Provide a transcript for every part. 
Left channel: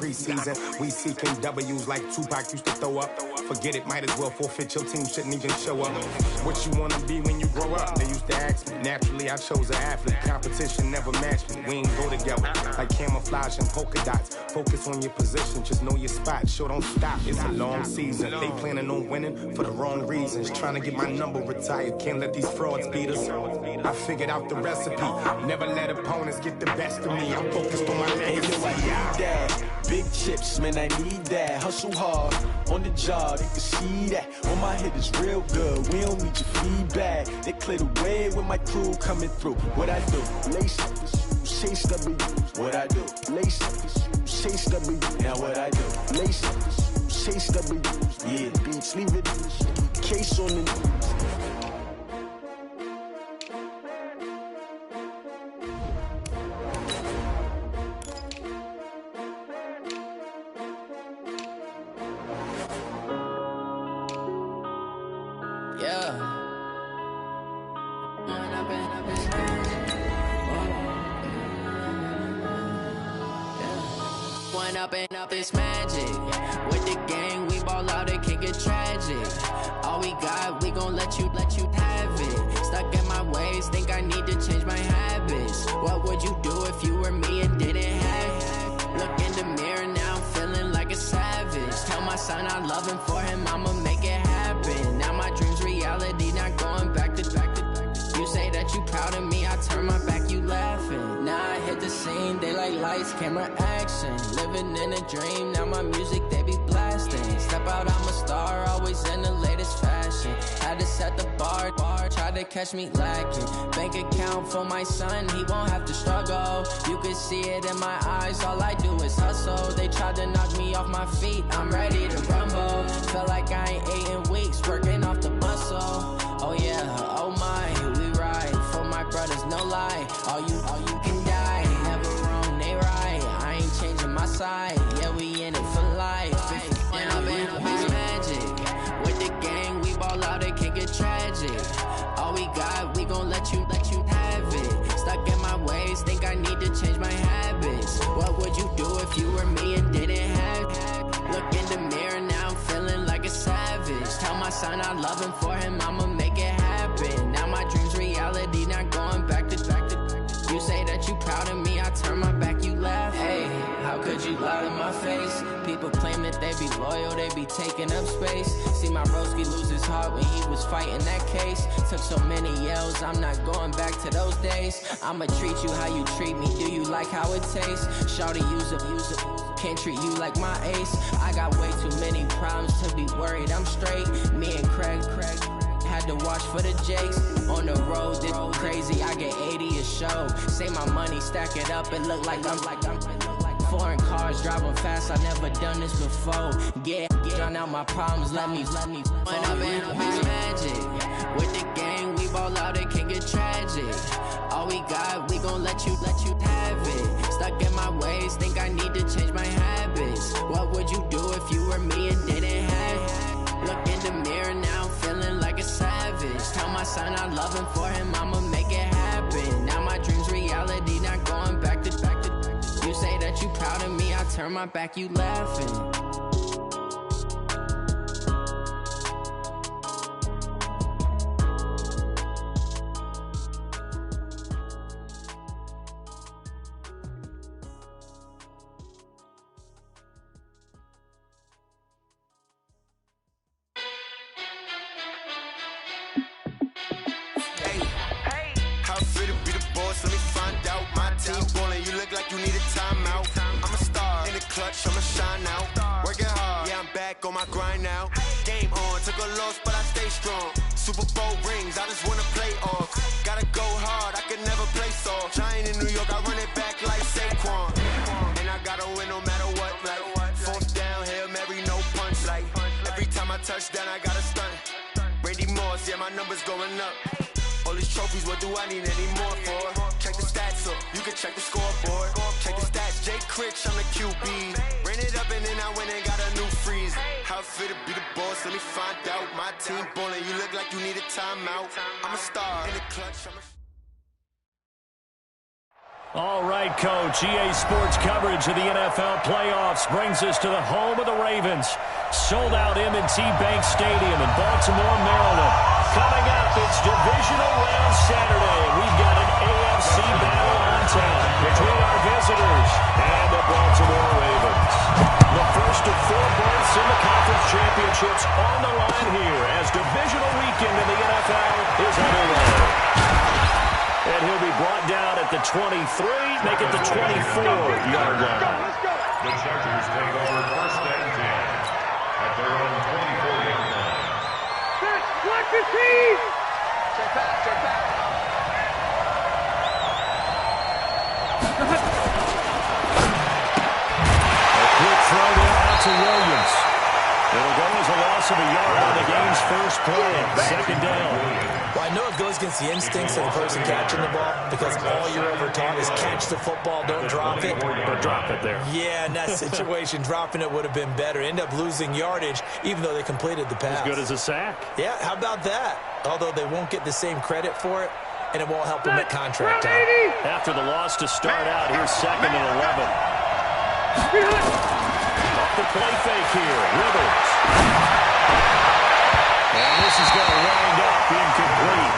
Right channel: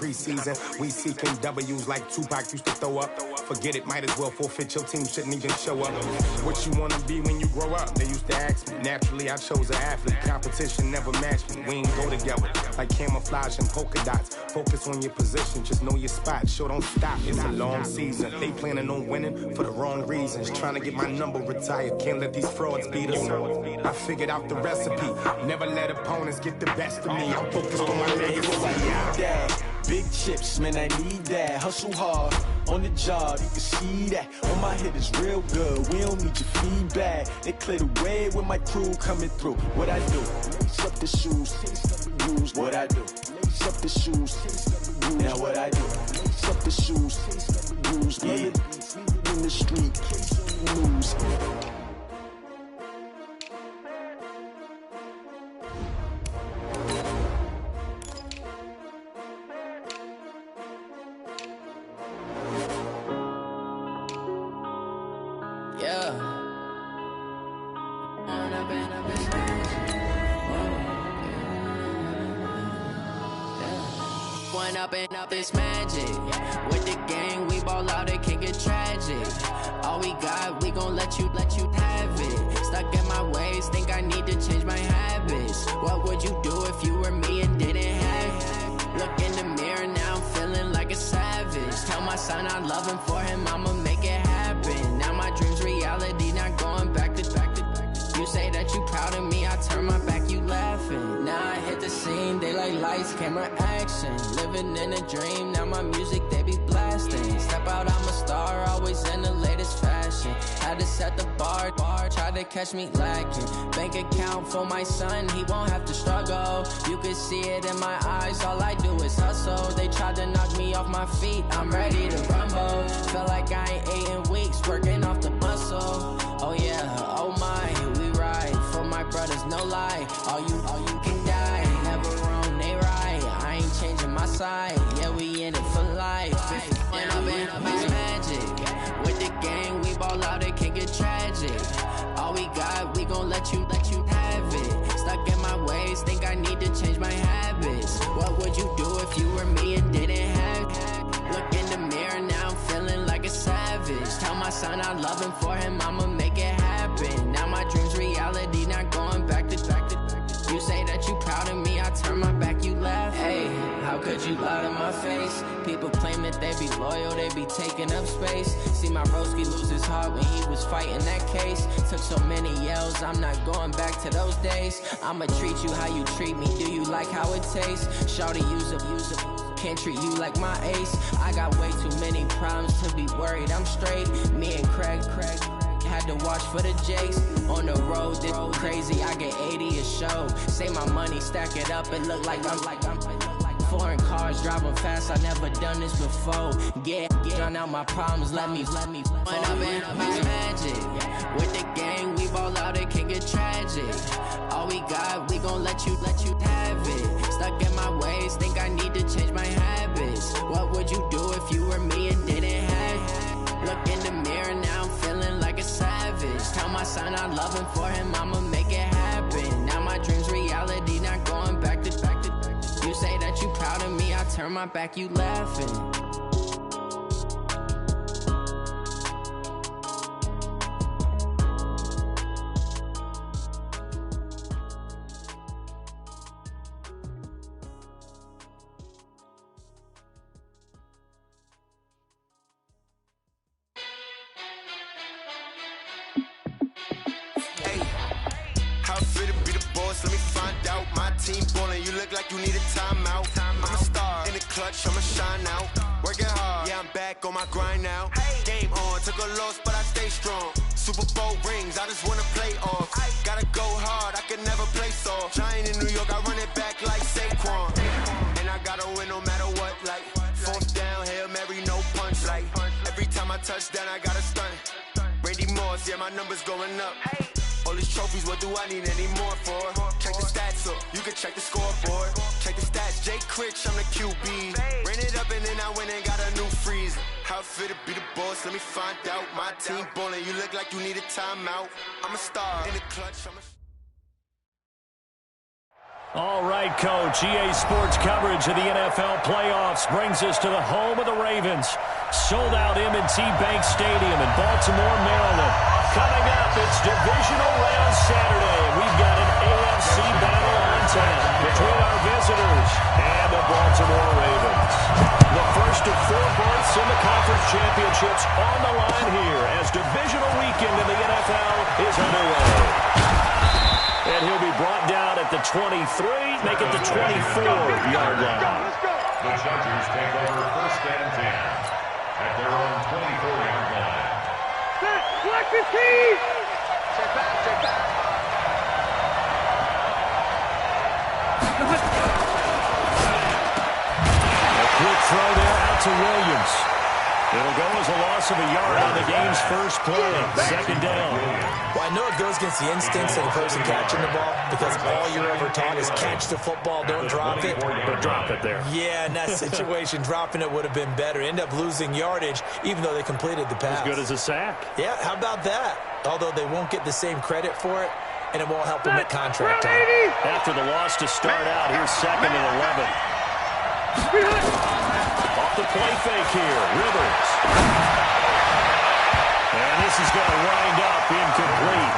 preseason. We seeking W's like Tupac used to throw up. Forget it, might as well forfeit. Your team shouldn't even show up. What you wanna be when you grow up? They used to ask me. Naturally, I chose an athlete. Competition never matched me. We ain't go together like camouflage and polka dots. Focus on your position, just know your spot. Sure, don't stop. It's a long season. They planning on winning for the wrong reasons. Trying to get my number retired. Can't let these frauds beat us. I figured out the recipe. Never let opponents get the best of me. I'm focused on my legacy. Big chips, man, I need that. Hustle hard on the job, you can see that. On my hit is real good, we don't need your feedback. They clear the way with my crew coming through. What I do? Lace up the shoes, chase W's. What I do? Lace up the shoes, chase W's. Now what I do? Lace up the shoes, chase W's. Yeah. The beats, leave it in the street, case on the news. Up it's magic. With the gang, we ball out, it can get tragic. All we got, we gon' let you have it. Stuck in my ways, think I need to change my habits. What would you do if you were me and didn't have it? Look in the mirror, now I'm feeling like a savage. Tell my son I love him, for him I'ma make it happen. Now my dream's reality, not going back to. You say that you proud of me, I turn my back, you laughing. Now I hit the scene, they like lights, camera, action. Living in a dream, now my music, they be blasting. Step out, I'm a star, always in the latest fashion. Had to set the bar, try to catch me lacking. Bank account for my son, he won't have to struggle. You can see it in my eyes, all I do is hustle. They tried to knock me off my feet, I'm ready to rumble. Felt like I ain't ate in weeks, working off the muscle. Oh yeah, oh my, we ride for my brothers, no lie. All you can die, never wrong, they right. I ain't changing my side, yeah, we in it for life. When up it's magic. With the gang, we ball out, it can get tragic. All we got, we gon' let you have it. Stuck in my ways, think I need to change my habits. What would you do if you were me and didn't have it? Look in the mirror, now I'm feeling like a savage. Tell my son I love him, for him I'ma make it happen. Now my dream's reality, not going back to. You say that you proud of me, I turn my back, you laugh. Hey, how could you lie to my face? People claim that they be loyal, they be taking up space. See my broski lose his heart when he was fighting that case. Took so many yells, I'm not going back to those days. I'ma treat you how you treat me, do you like how it tastes? Shawty, use it. Can't treat you like my ace. I got way too many problems to be worried, I'm straight. Me and Craig had to watch for the Jakes. On the road, this crazy, I get 80 a show. Say my money, stack it up, it look like I'm foreign cars, driving fast, I never done this before. Yeah, drown out my problems, let me. When up it's magic. With the gang, we ball out, it can get tragic. All we got, we gon' let you have it. Stuck in my ways, think I need to change my habits. What would you do if you were me and didn't have it? Look in the mirror, now I'm feeling like a savage. Tell my son I love him, for him I'ma make it happen. Now my dream's reality, not going back to. You say that you proud of me, I turn my back, you laughing. I'ma shine out, working hard, yeah I'm back on my grind now. Game on, took a loss but I stay strong. Super Bowl rings, I just wanna play off. Gotta go hard, I can never play soft. Giant in New York, I run it back like Saquon. And I gotta win no matter what, like fourth down, Hail Mary, no punch. Like every time I touch down, I gotta stunt. Randy Moss, yeah my numbers going up. All these trophies, what do I need any more for? Check the stats up, you can check the scoreboard. Check the stats, Jay Critch, I'm the QB. Ran it up and then I went and got a new freeze. How it feel to be the boss, let me find out. My team ballin', you look like you need a timeout. I'm a star in the clutch, All right, Coach. EA Sports coverage of the NFL playoffs brings us to the home of the Ravens. Sold out M&T Bank Stadium in Baltimore, Maryland. Coming up, it's divisional round Saturday. We've got an AFC battle on town between our visitors and the Baltimore Ravens. The first of 4 berths in the conference championships on the line here as divisional weekend in the NFL is underway. And he'll be brought down at the 23, make it the 24-yard line. The Chargers take over 1st and 10 at their own 24-yard line. Set, select the team! Check back, check back. A quick throw there out to Williams. It'll go as a loss of a yard on the game's first play. 2nd down. Well, I know it goes against the instincts of the person catching the ball because all you're ever taught is catch the football, don't drop it. But drop it there. Yeah, in that situation, dropping it would have been better. End up losing yardage, even though they completed the pass. As good as a sack. Yeah, how about that? Although they won't get the same credit for it, and it won't help them at contract time. After the loss to start out, here's 2nd and 11. Off the play fake here, Rivers. And this is going to wind up incomplete.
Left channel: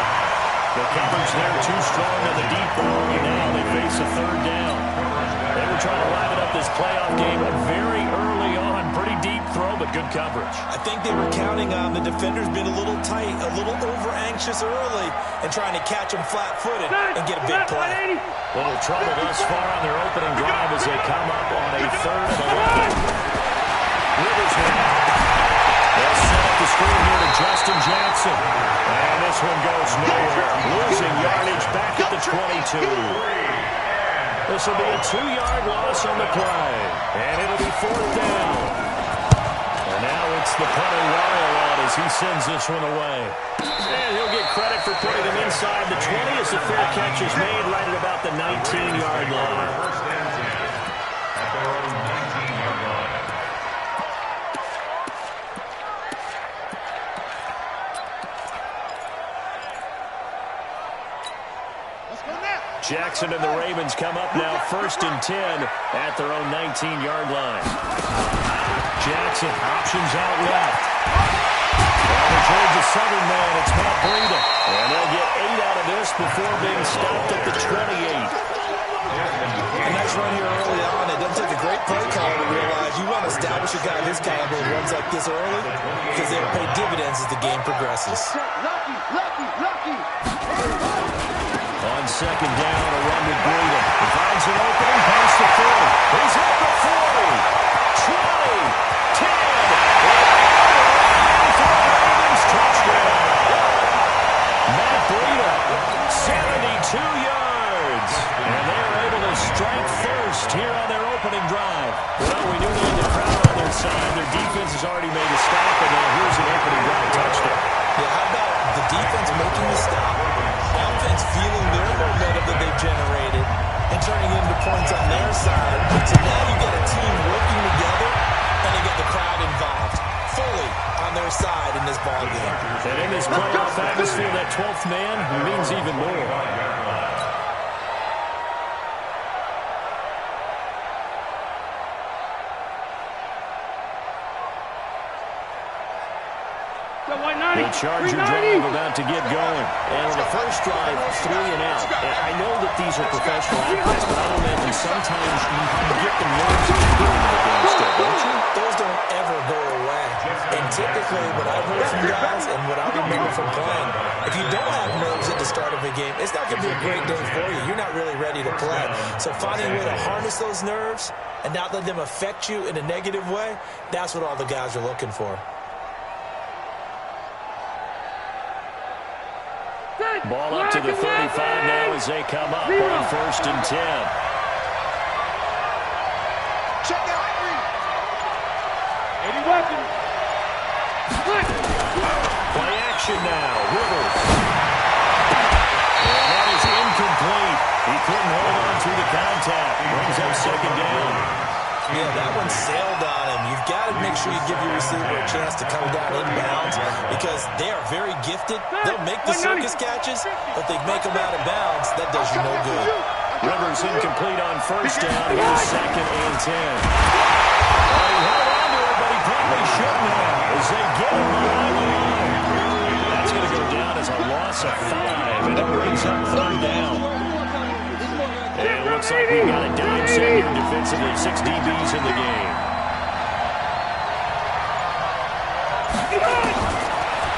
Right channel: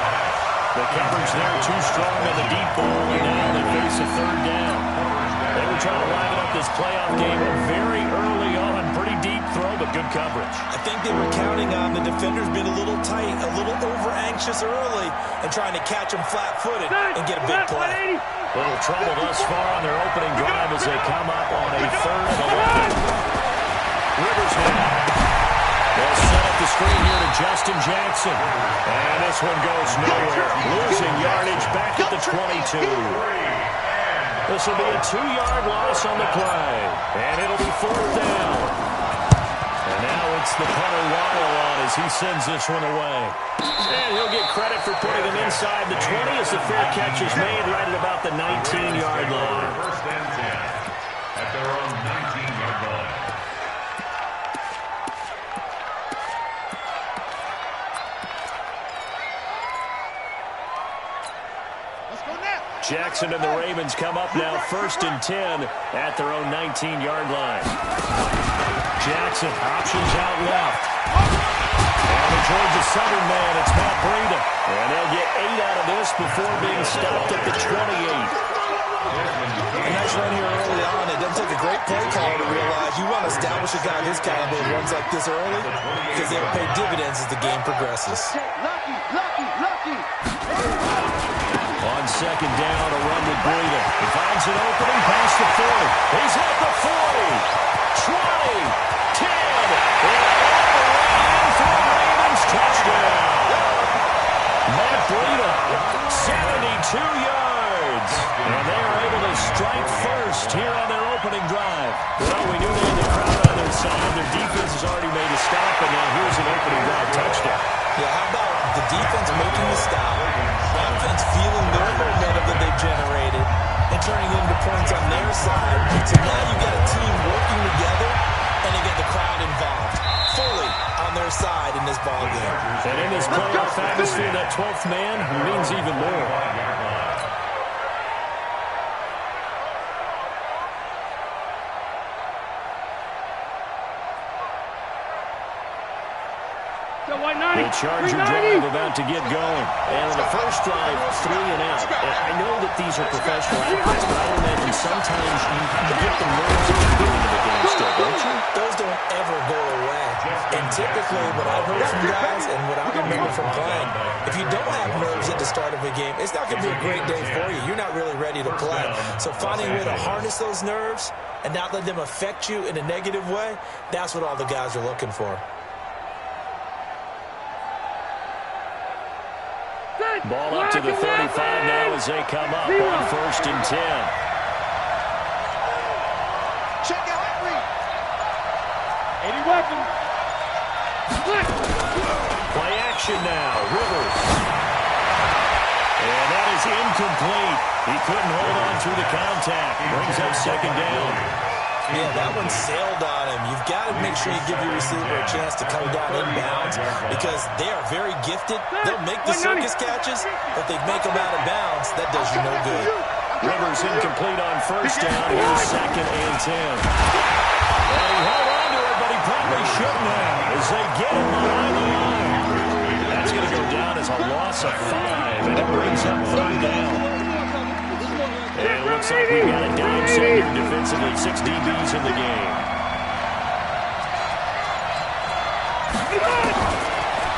The coverage there too strong on the deep ball, and now they face a 3rd down. They were trying to liven up this playoff game very early on. Pretty deep throw, but good coverage. I think they were counting on the defenders being a little tight, a little over-anxious early, and trying to catch them flat-footed and get a big play. Little trouble thus far on their opening drive as they come up on a 3rd and 11. Rivers now. They'll set up the screen here to Justin Jackson. And this one goes nowhere. Losing yardage back at the 22. This will be a 2-yard loss on the play. And it'll be 4th down. And now it's the punter Weil on as he sends this one away. And he'll get credit for putting him inside the 20 as the fair catch is made right at about the 19-yard line. 1st and 10 at their own 19-yard line. Jackson and the Ravens come up now 1st and 10 at their own 19-yard line. Jackson options out left. And the Georgia Southern man, it's Matt Breida. And they'll get 8 out of this before being stopped at the 28. A nice run here early on. It doesn't take a great play caller to realize you want to establish a guy of his caliber who runs like this early because they'll pay dividends as the game progresses. Lucky, lucky, lucky. On 2nd down, a run with Breida. He finds an opening past the 40. He's at the 40, 20, 10. And in for a Ravens touchdown. Matt Breida, 72 yards. And they are able to strike first here on their opening drive. Well, we knew they had the crowd on their side. Their defense has already made a stop, and now here's an opening drive touchdown. Yeah, how about the defense making the stop, offense feeling their momentum that they've generated, and turning it into points on their side. So now you get a team working together, and they get the crowd involved fully on their side in this ballgame. And in this playoff atmosphere, that 12th man means even more. The Charger drive about to get going. And on the first drive, 3 and out. And I know that these are professional athletes, but I imagine sometimes you get the nerves at the beginning of the game still, don't you? Those don't ever go away. And typically, what I've heard from guys and what I remember from playing, if you don't have nerves at the start of a game, it's not going to be a great day for you. You're not really ready to play. So finding a way to harness those nerves and not let them affect you in a negative way, that's what all the guys are looking for. Ball up to the 35 now as they come up on 1st and 10. Check out 80 weapons. Play action now. Rivers. And that is incomplete. He couldn't hold on through the contact. Brings up 2nd down. Yeah, that one sailed on him. You've got to make sure you give your receiver a chance to come down inbounds because they are very gifted. They'll make the circus catches, but if they make them out of bounds, that does you no good. Rivers incomplete on first down. Here's 2nd and 10. And he held on to it, but he probably shouldn't have as they get him behind the line. That's going to go down as a loss of 5, and it brings up 3rd down. And it looks like we've got a dime set here defensively. 6 DBs in the game.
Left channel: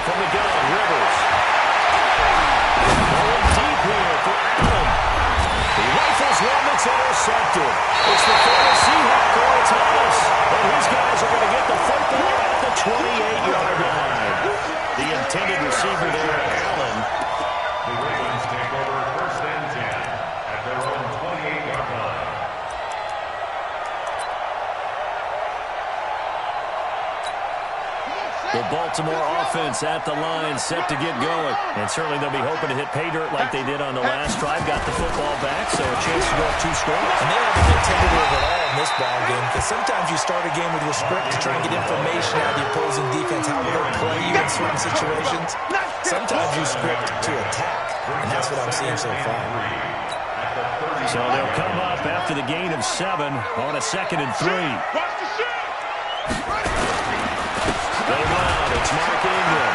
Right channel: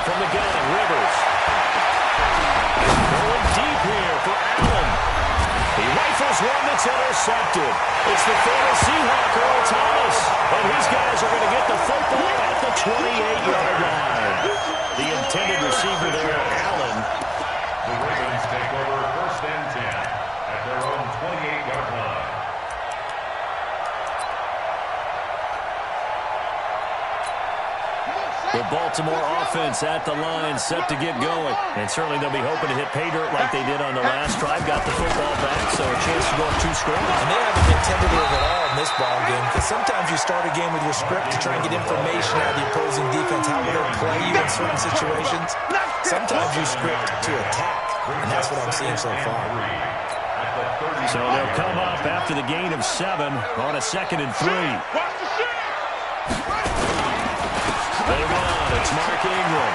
From the gun, Rivers. Going deep here for Allen. He rifles one that's intercepted. It's the former Seahawk, Earl Thomas. And his guys are going to get the football at the 28-yard line. The intended receiver there, Allen. The Ravens take over 1st and 10 at their own 28-yard line. The Baltimore offense at the line, set to get going. And certainly they'll be hoping to hit pay dirt like they did on the last drive. Got the football back, so a chance to go up 2 scores. And they haven't been tentative at all in this ball game, because sometimes you start a game with your script to try and get information out of the opposing defense. How will they play you in certain situations? Sometimes you script to attack, and that's what I'm seeing so far. So they'll come up after the gain of 7 on a 2nd and 3. They run. It's Mark Ingram.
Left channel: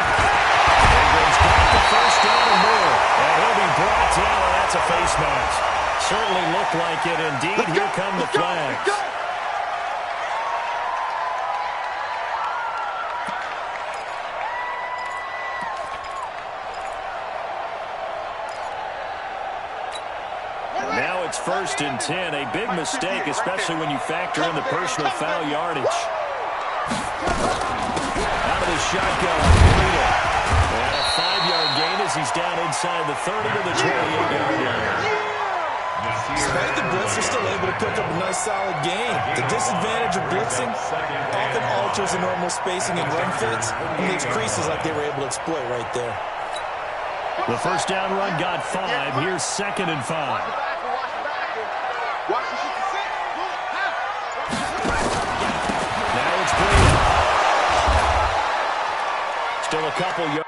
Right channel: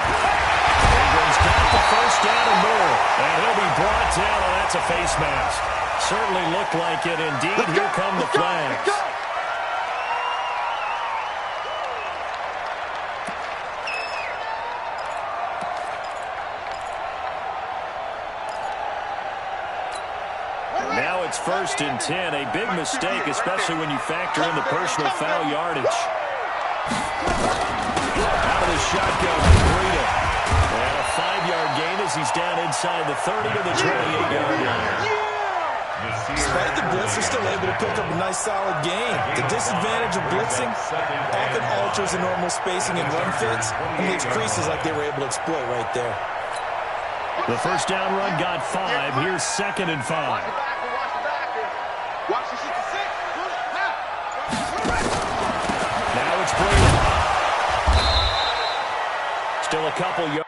Ingram's got the first down and more. And he'll be brought down, and that's a face mask. Certainly looked like it. Indeed, here come the flags. Now it's 1st and 10. A big mistake, especially when you factor in the personal foul yardage. Out of the shotgun, Breida. And a 5-yard gain as he's down inside the 30 to the 28-yard line. Despite the blitz, they're still able to pick up a nice, solid gain. The disadvantage of blitzing often alters the normal spacing and run fits and leaves creases like they were able to exploit right there. The first down run got 5. Here's 2nd and 5. Watch the backer. Watch the 66. Now it's Breida. Still a couple yards.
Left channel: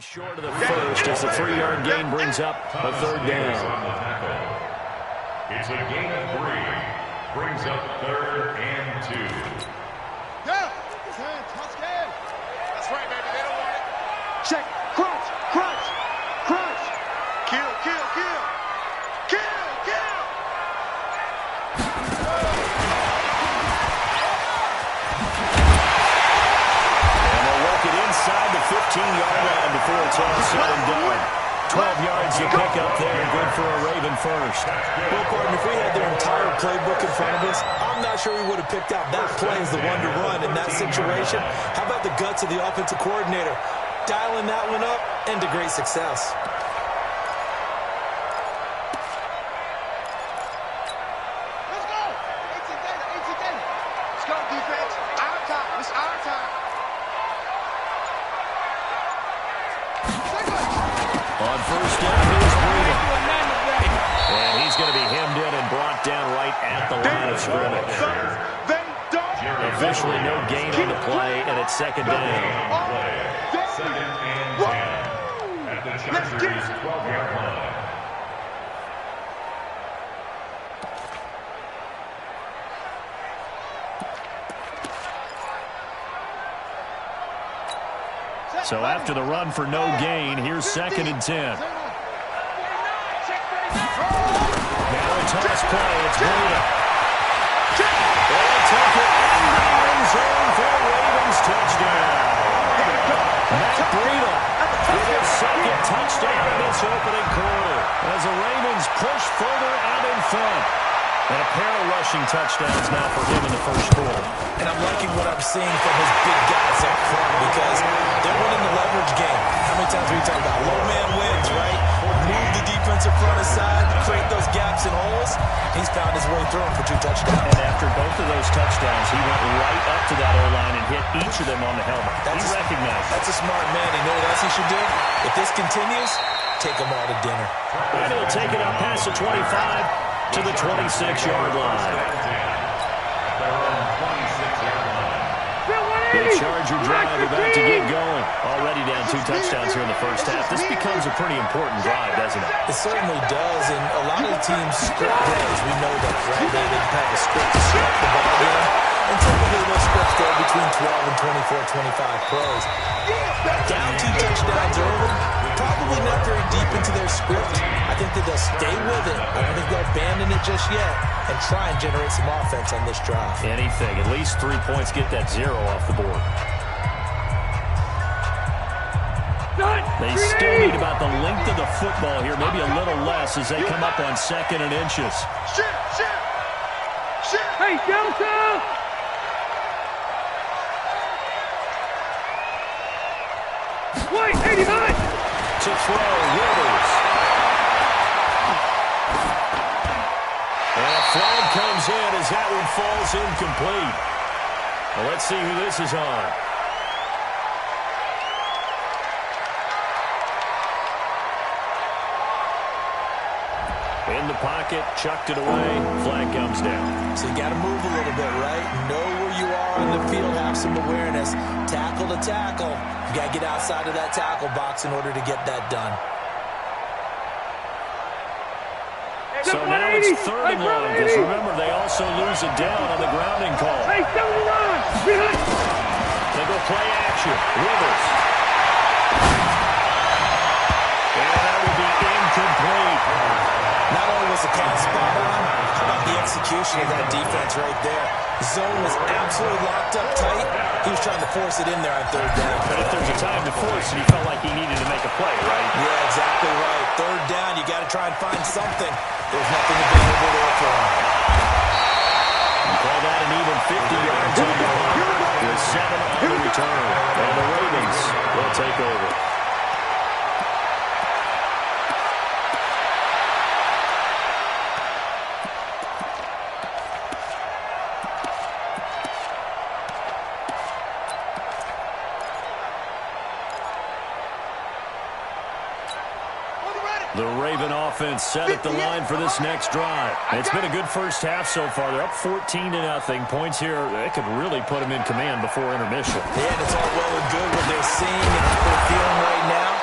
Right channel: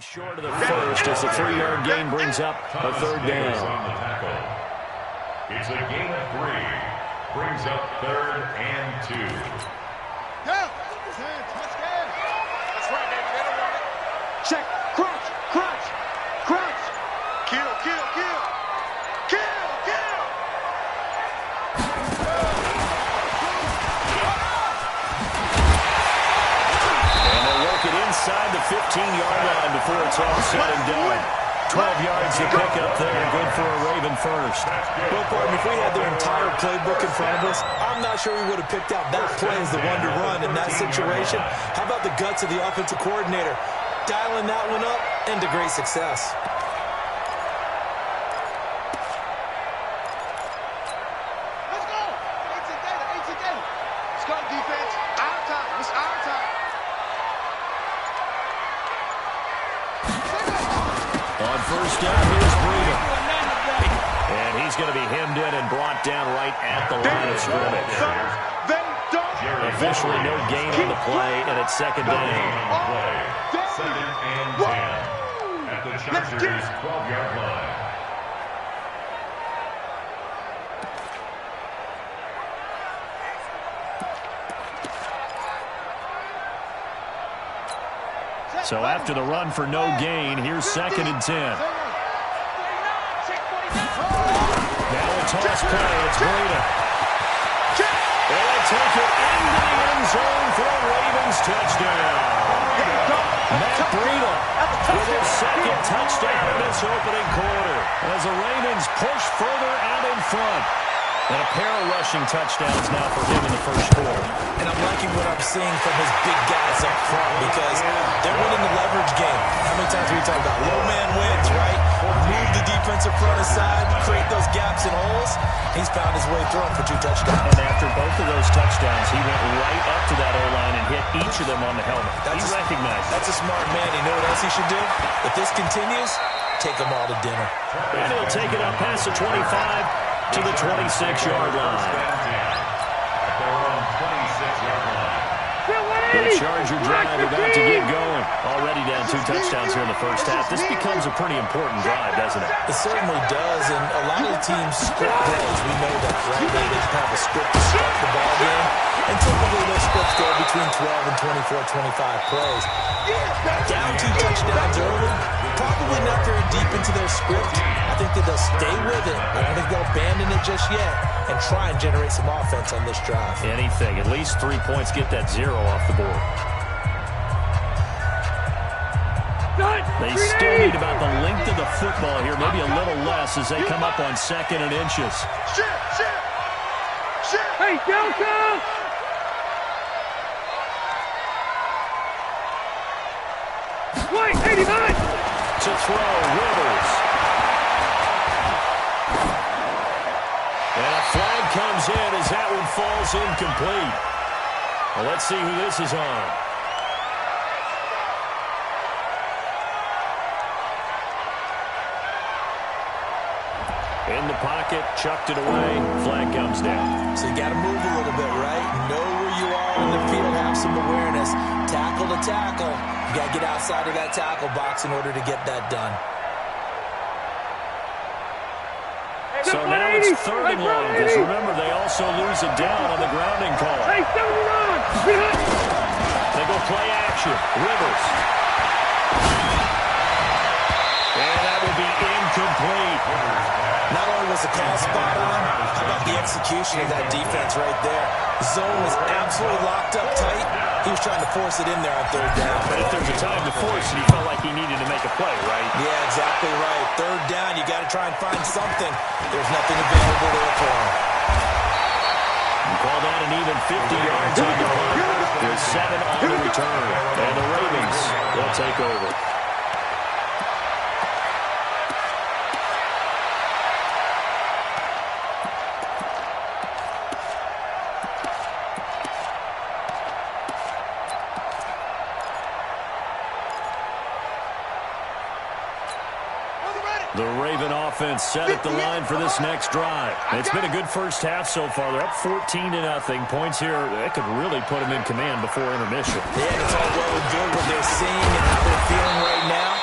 Short of the first as the 3-yard gain brings up a 3rd down. On the tackle. It's a gain of 3. Brings up 3rd and 2. Down. Touchdown. That's right, baby. They don't want it. Check. Crunch. Crunch. Crunch. Kill. Kill. Kill. Kill. Kill. Inside the 15-yard line before it's all said and done. 12 yards to pick up there. Good for a Raven first. Well, partner, if we had their entire playbook in front of us, I'm not sure we would have picked out that play as the one to run in that situation. How about the guts of the offensive coordinator? Dialing that one up into great success. Let's go. 18 data. 18 data. Let's go, defense. Our time. It's our time. On first down, here's Breida. And he's going to be hemmed in and brought down right at the line of scrimmage. Officially no gain on the play, and it's 2nd down. 2nd and 10 at the Chargers' 12-yard line. So after the run for no gain, here's 2nd and 10. Now a toss play. It's Breida. They'll take it into the end zone for a Ravens touchdown. Matt Breida with his second touchdown in this opening quarter as the Ravens push further out in front. And a pair of rushing touchdowns now for him in the first quarter. And I'm liking what I'm seeing from his big guys up front because they're winning the leverage game. How many times have we talked about low man wins, right? Move the defensive front aside, create those gaps and holes. He's found his way through them for 2 touchdowns. And after both of those touchdowns, he went right up to that O-line and hit each of them on the helmet. He recognized it. That's a smart man. You know what else he should do? If this continues, take them all to dinner. And he'll take it up past the 25 to the 26-yard line. At their own 26-yard line. The Charger drive about to get going. Already down 2 touchdowns here in the first half. This becomes a pretty important drive, doesn't it? It certainly does, and a lot of the teams script plays. We know that, right? They have a script to start the ball game, and typically those scripts go between 12 and 24, 25 plays. Down 2 touchdowns early, probably not very deep into their script. I think that they'll stay with it. I don't think they'll abandon it just yet and try and generate some offense on this drive. Anything. At least 3 points. Get that 0 off the board. They still need about the length of the football here, maybe a little less as they come up on 2nd and inches. Hey, Delta! Wait, 89! To throw, Rivers. And a flag comes in as that one falls incomplete. Well, let's see who this is on. In the pocket, chucked it away, flag comes down. So you got to move a little bit, right? Know where you are on the field, have some awareness. Tackle to tackle. You got to get outside of that tackle box in order to get that done. So now it's 3rd and long, because remember, they also lose it down on the grounding call. Hey, 79! They go play action. Rivers. And that will be incomplete. Not only was the call spot on, how about the execution of that defense right there? The zone was absolutely locked up tight. He was trying to force it in there on 3rd down. But if there's a time to force it, he felt like he needed to make a play, right? Yeah, exactly right. 3rd down, you got to try and find something. There's nothing available there for him. You call that an even 50 yards on the punt with 7 on the return. And the Ravens will take over. The Raven offense set at the line for this next drive. It's been a good first half so far. They're up 14-0. Points here, they could really put them in command before intermission. Yeah, and it's all well and good what they're seeing and how they're feeling right now.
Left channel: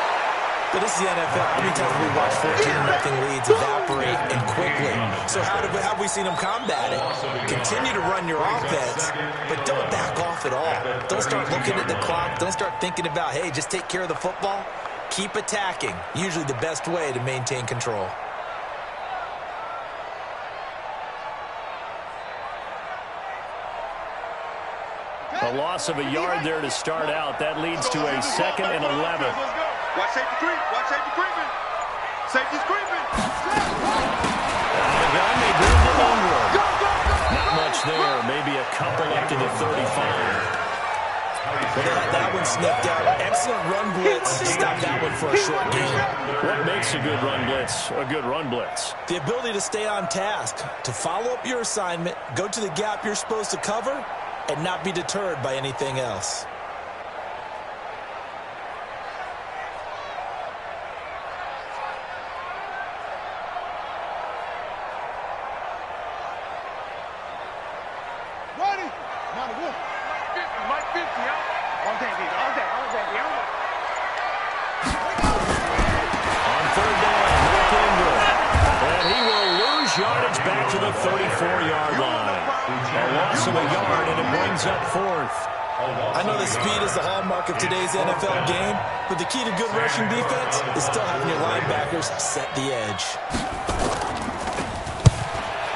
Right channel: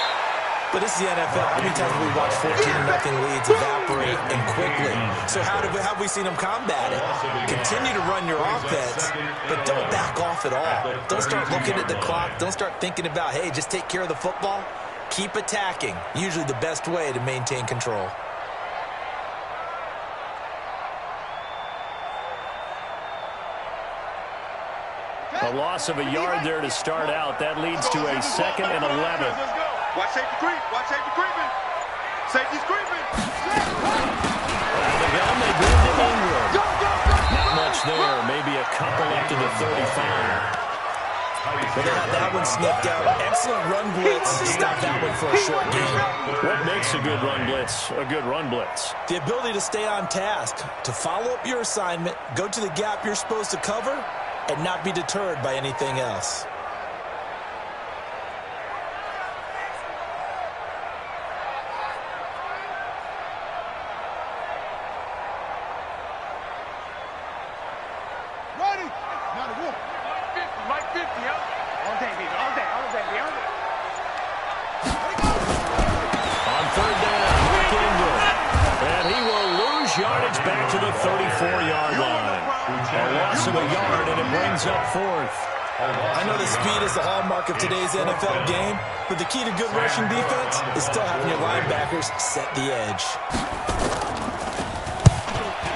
But this is the NFL. How many times have we watched 14-0 leads evaporate and quickly? So how have we seen them combat it? Continue to run your offense, but don't back off at all. Don't start looking at the clock. Don't start thinking about, hey, just take care of the football. Keep attacking. Usually the best way to maintain control. A loss of a yard there to start out. That leads to a 2nd and 11. Watch safety creep. Watch safety creeping. Safety's creeping. Out of the gun, they bring to Ingram. Not much there. Maybe a couple up to the 35. Well, they had that one snipped out. Excellent run blitz. Stop that one for a short game. What makes a good run blitz a good run blitz? The ability to stay on task, to follow up your assignment, go to the gap you're supposed to cover, and not be deterred by anything else. Ready? Now the wolf. Mike 50, huh? All day, baby. All day, all day, all day. On 3rd down, Rick Ingram. And he will lose yardage back to the 34-yard line. A loss of a yard, and it brings up 4th. I know that speed is the hallmark of today's NFL game, but the key to good rushing defense is still having your linebackers set the edge.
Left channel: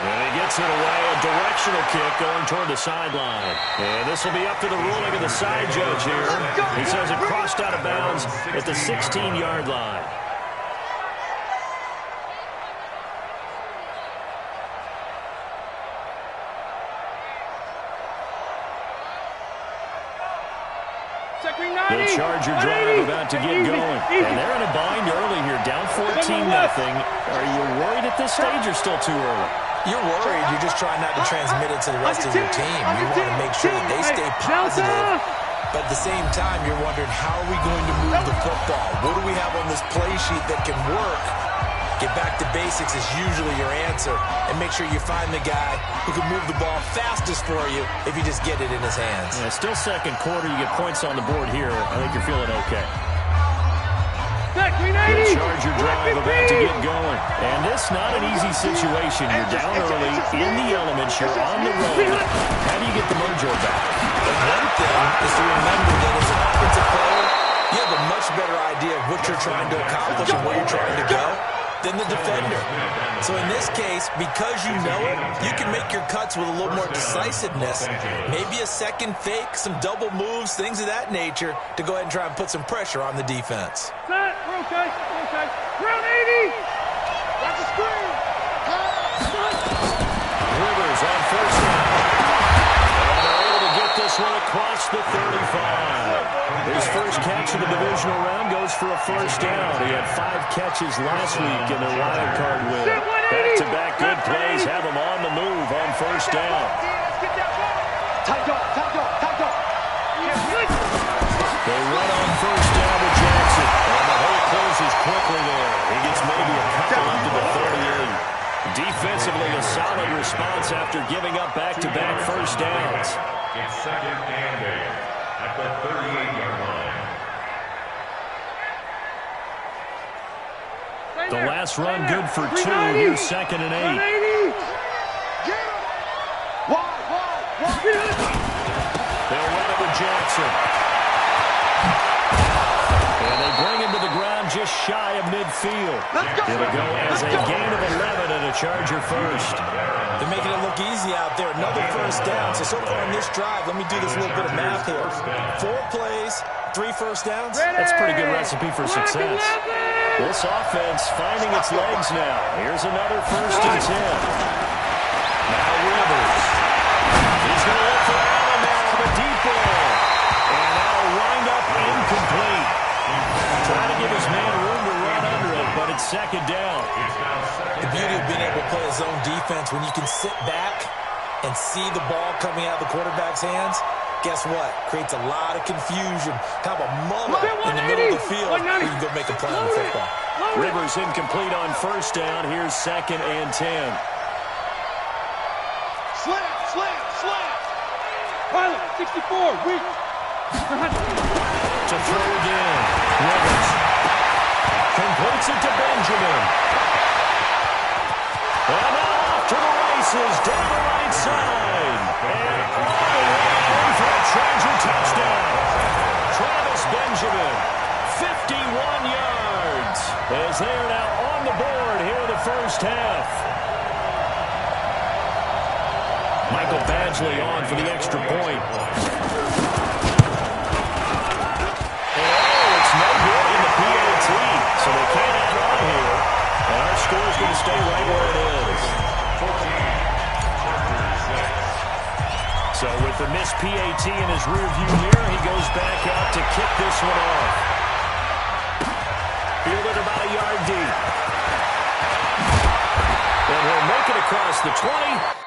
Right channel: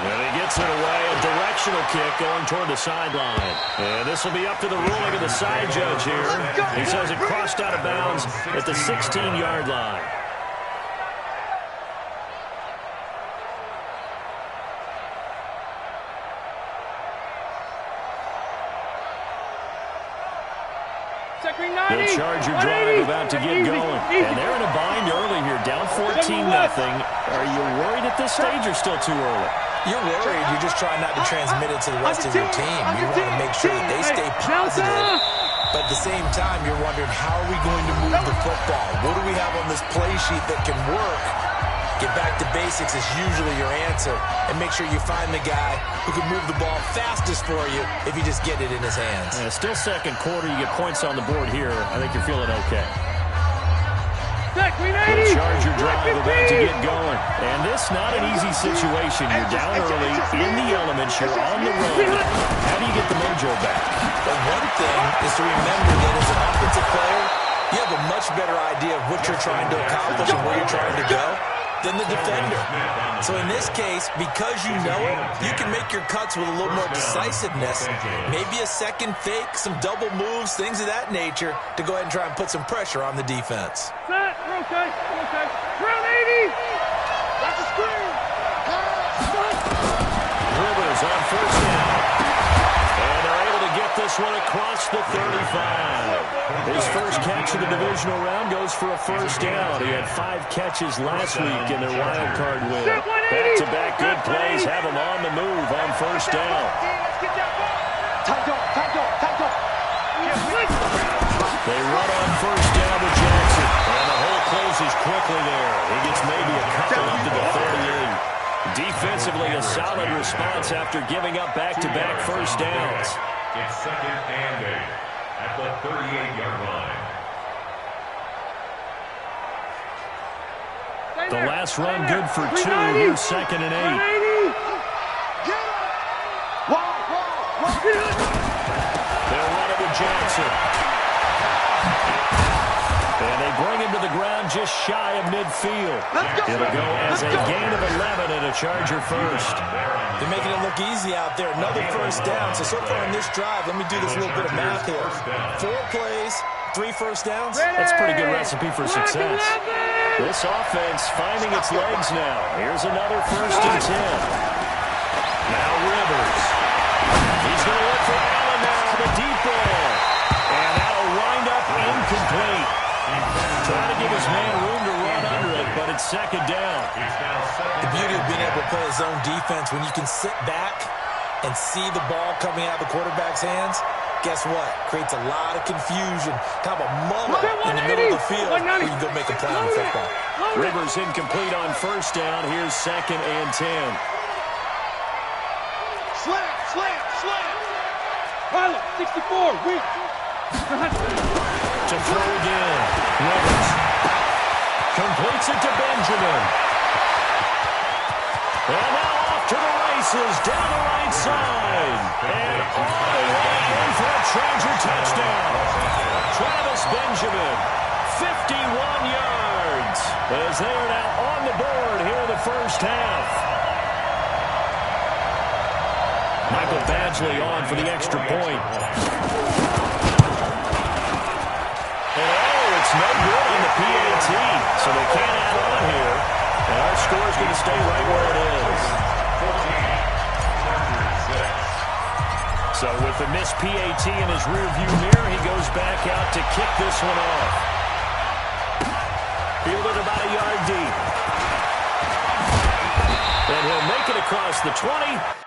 And he gets puts it away. A directional kick going toward the sideline. And this will be up to the ruling of the side judge here. He says it crossed out of bounds at the 16-yard line. The Charger drive about to get going. And they're in a bind early here, down 14-0. Are you worried at this stage or still too early? You're worried. You're just trying not to transmit it to the rest of your team. You want to make sure that they stay positive. But at the same time, you're wondering, how are we going to move the football? What do we have on this play sheet that can work? Get back to basics is usually your answer. And make sure you find the guy who can move the ball fastest for you if you just get it in his hands. Yeah, still second quarter. You get points on the board here. I think you're feeling okay. The Charger drive about to get going. And this not an easy situation. You're down early, in the elements, you're on the road. How do you get the mojo back? The one thing is to remember that as an offensive player, you have a much better idea of what you're trying to accomplish and where you're trying to go than the defender. So in this case, because you know it, you can make your cuts with a little more decisiveness. Maybe a second fake, some double moves, things of that nature to go ahead and try and put some pressure on the defense. Set, we're okay, we're okay. Round 80! That's a screen! Rivers on first down. And they're able to get this one across the 35. His first catch of the divisional round goes for a first down. He had 5 catches last week in their wild card win. Back-to-back good plays have him on the move on first down. Tight dog. They run on first down with Jackson. And the hole closes quickly there. He gets maybe a couple up to the 38. Defensively, a solid response after giving up back-to-back first downs. It's second and 8 at the 38-yard line. The last run good for 2. Here's second and 8. They'll run it with Jackson. And they bring him to the ground just shy of midfield. It'll go as a gain of 11 and a Charger first. They're making it look easy out there. Another first down. So far on this drive, let me do this little bit of math here. 4 plays, 3 first downs. That's a pretty good recipe for success. This offense finding its legs now. Here's another first and 10. Now Rivers. He's going to look for Allen now on the deep ball. And that'll wind up incomplete. Trying to give his man room to run under it, but it's second down. The beauty of being able to play a zone defense, when you can sit back and see the ball coming out of the quarterback's hands, guess what? Creates a lot of confusion. Kind of a muddle in the middle of the field where you can go make a play on the football. Rivers incomplete on first down. Here's second and 10. Slam. Pilot, 64, weak. To throw again. Rivers completes it to Benjamin. And now off to the races down the right side. And all the way in for a Charger touchdown. Travis Benjamin, 51 yards. As they are now on the board here in the first half. Michael Badgley on for the extra point. It's no good in the PAT, so they can't add on here. And our score is going to stay right where it is. 14, so with the missed PAT in his rearview mirror, he goes back out to kick this one off. Fielded about a yard deep. And he'll make it across the 20.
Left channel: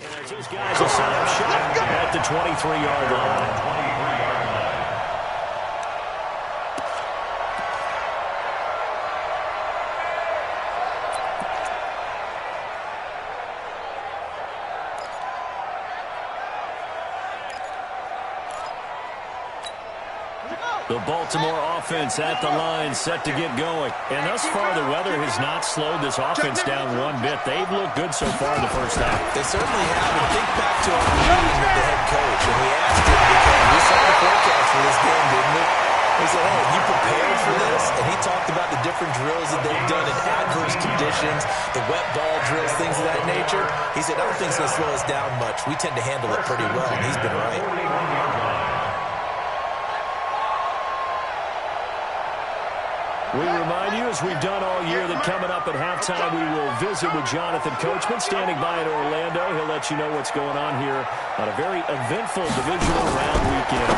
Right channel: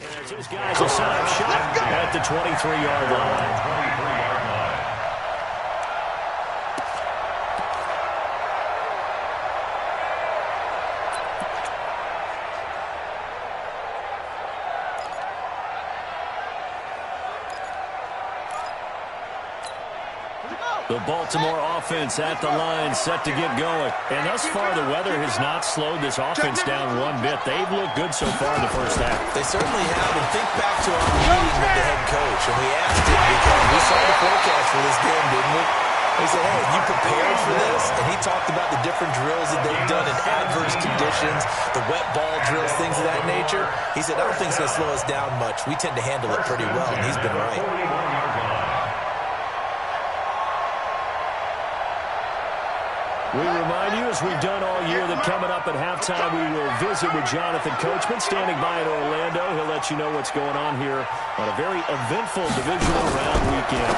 As those guys will set up shop at the 23-yard line. The Baltimore offense at the line, set to get going. And thus far, the weather has not slowed this offense down one bit. They've looked good so far in the first half. They certainly have. And think back to our meeting with the head coach. And we asked him, because we saw the forecast for this game, didn't we? We said, hey, have you prepared for this? And he talked about the different drills that they've done in adverse conditions, the wet ball drills, things of that nature. He said, I don't think it's going to slow us down much. We tend to handle it pretty well, and he's been right. We remind you, as we've done all year, that coming up at halftime, we will visit with Jonathan Coachman, standing by in Orlando. He'll let you know what's going on here on a very eventful divisional round weekend.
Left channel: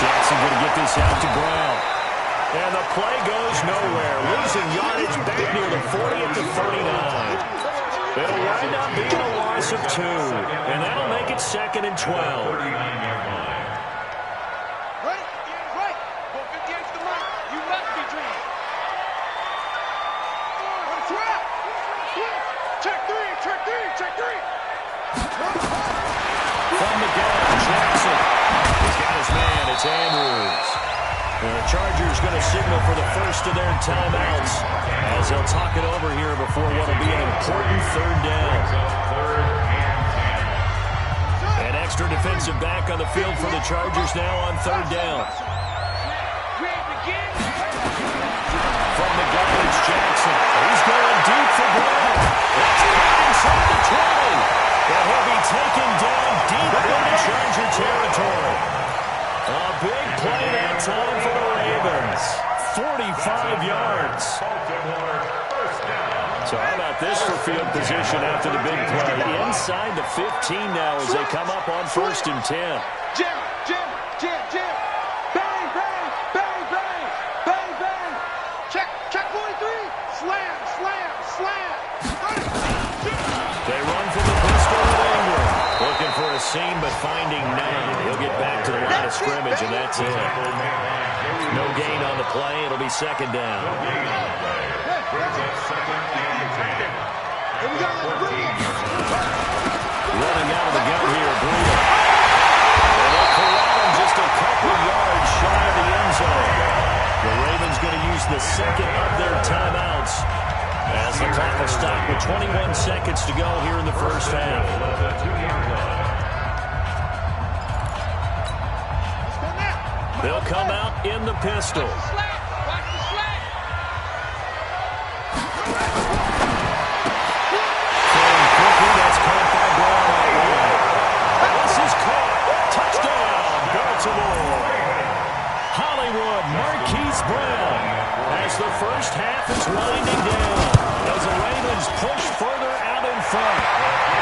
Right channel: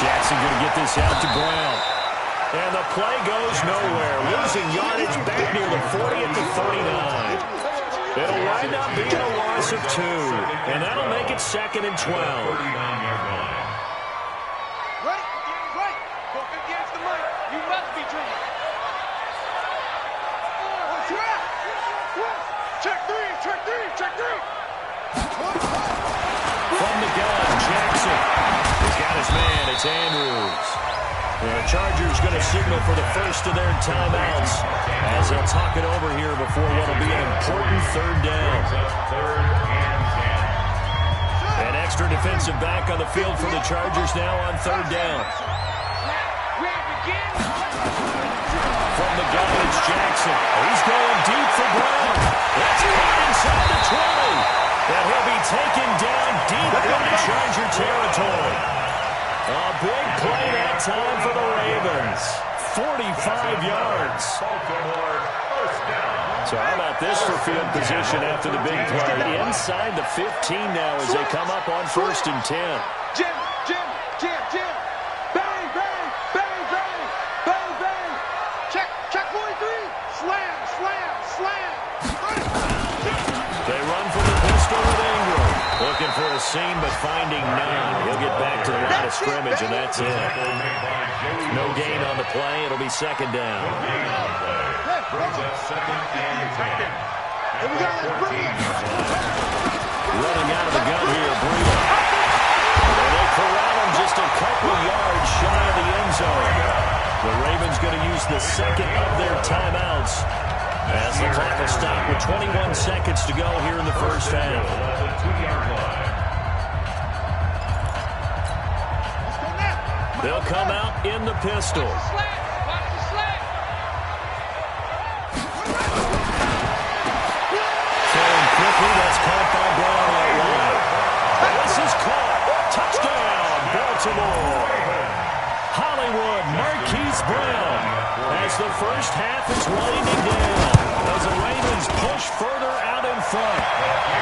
Jackson going to get this out to Brown. And the play goes nowhere, losing yardage back near the 40 at the 39. It'll wind up being a loss of 2, and that'll make it 2nd and 12. 39-yard line. Ready? Game's right. 450 against the mic. You must be dreaming. Trap. Check 3. Check 3. Check 3. From the gun, Jackson. He's got his man. It's Andrews. The Chargers going to signal for the first of their timeouts as they'll talk it over here before what will be an important 3rd down. An extra defensive back on the field for the Chargers now on 3rd down. From the gun, it's Jackson. He's going deep for Brown. That's caught inside the 20. And he'll be taken down deep into Charger territory. A big play that time for the Ravens. 45 yards. So how about this for field position after the big play? Inside the 15 now as they come up on 1st and 10. Jim. Bang, bang, bang, bang, bang, bang. Check 43. Slam. They run from the pistol with Ingram. Looking for a seam, but finding none. He'll get back to the line of scrimmage, and that's it. No gain on the play. It'll be 2nd down. Running out of the gun here, Breida. And they corral him just a couple yards shy of the end zone. The Ravens going to use the 2nd of their timeouts as the clock will stop with 21 seconds to go here in the first half. They'll come out in the pistol. Watch the slant. Throwing quickly, that's caught by Brown out wide. This is caught. Touchdown, Baltimore. Hollywood Marquise Brown as the first half is winding down as the Ravens push further out in front.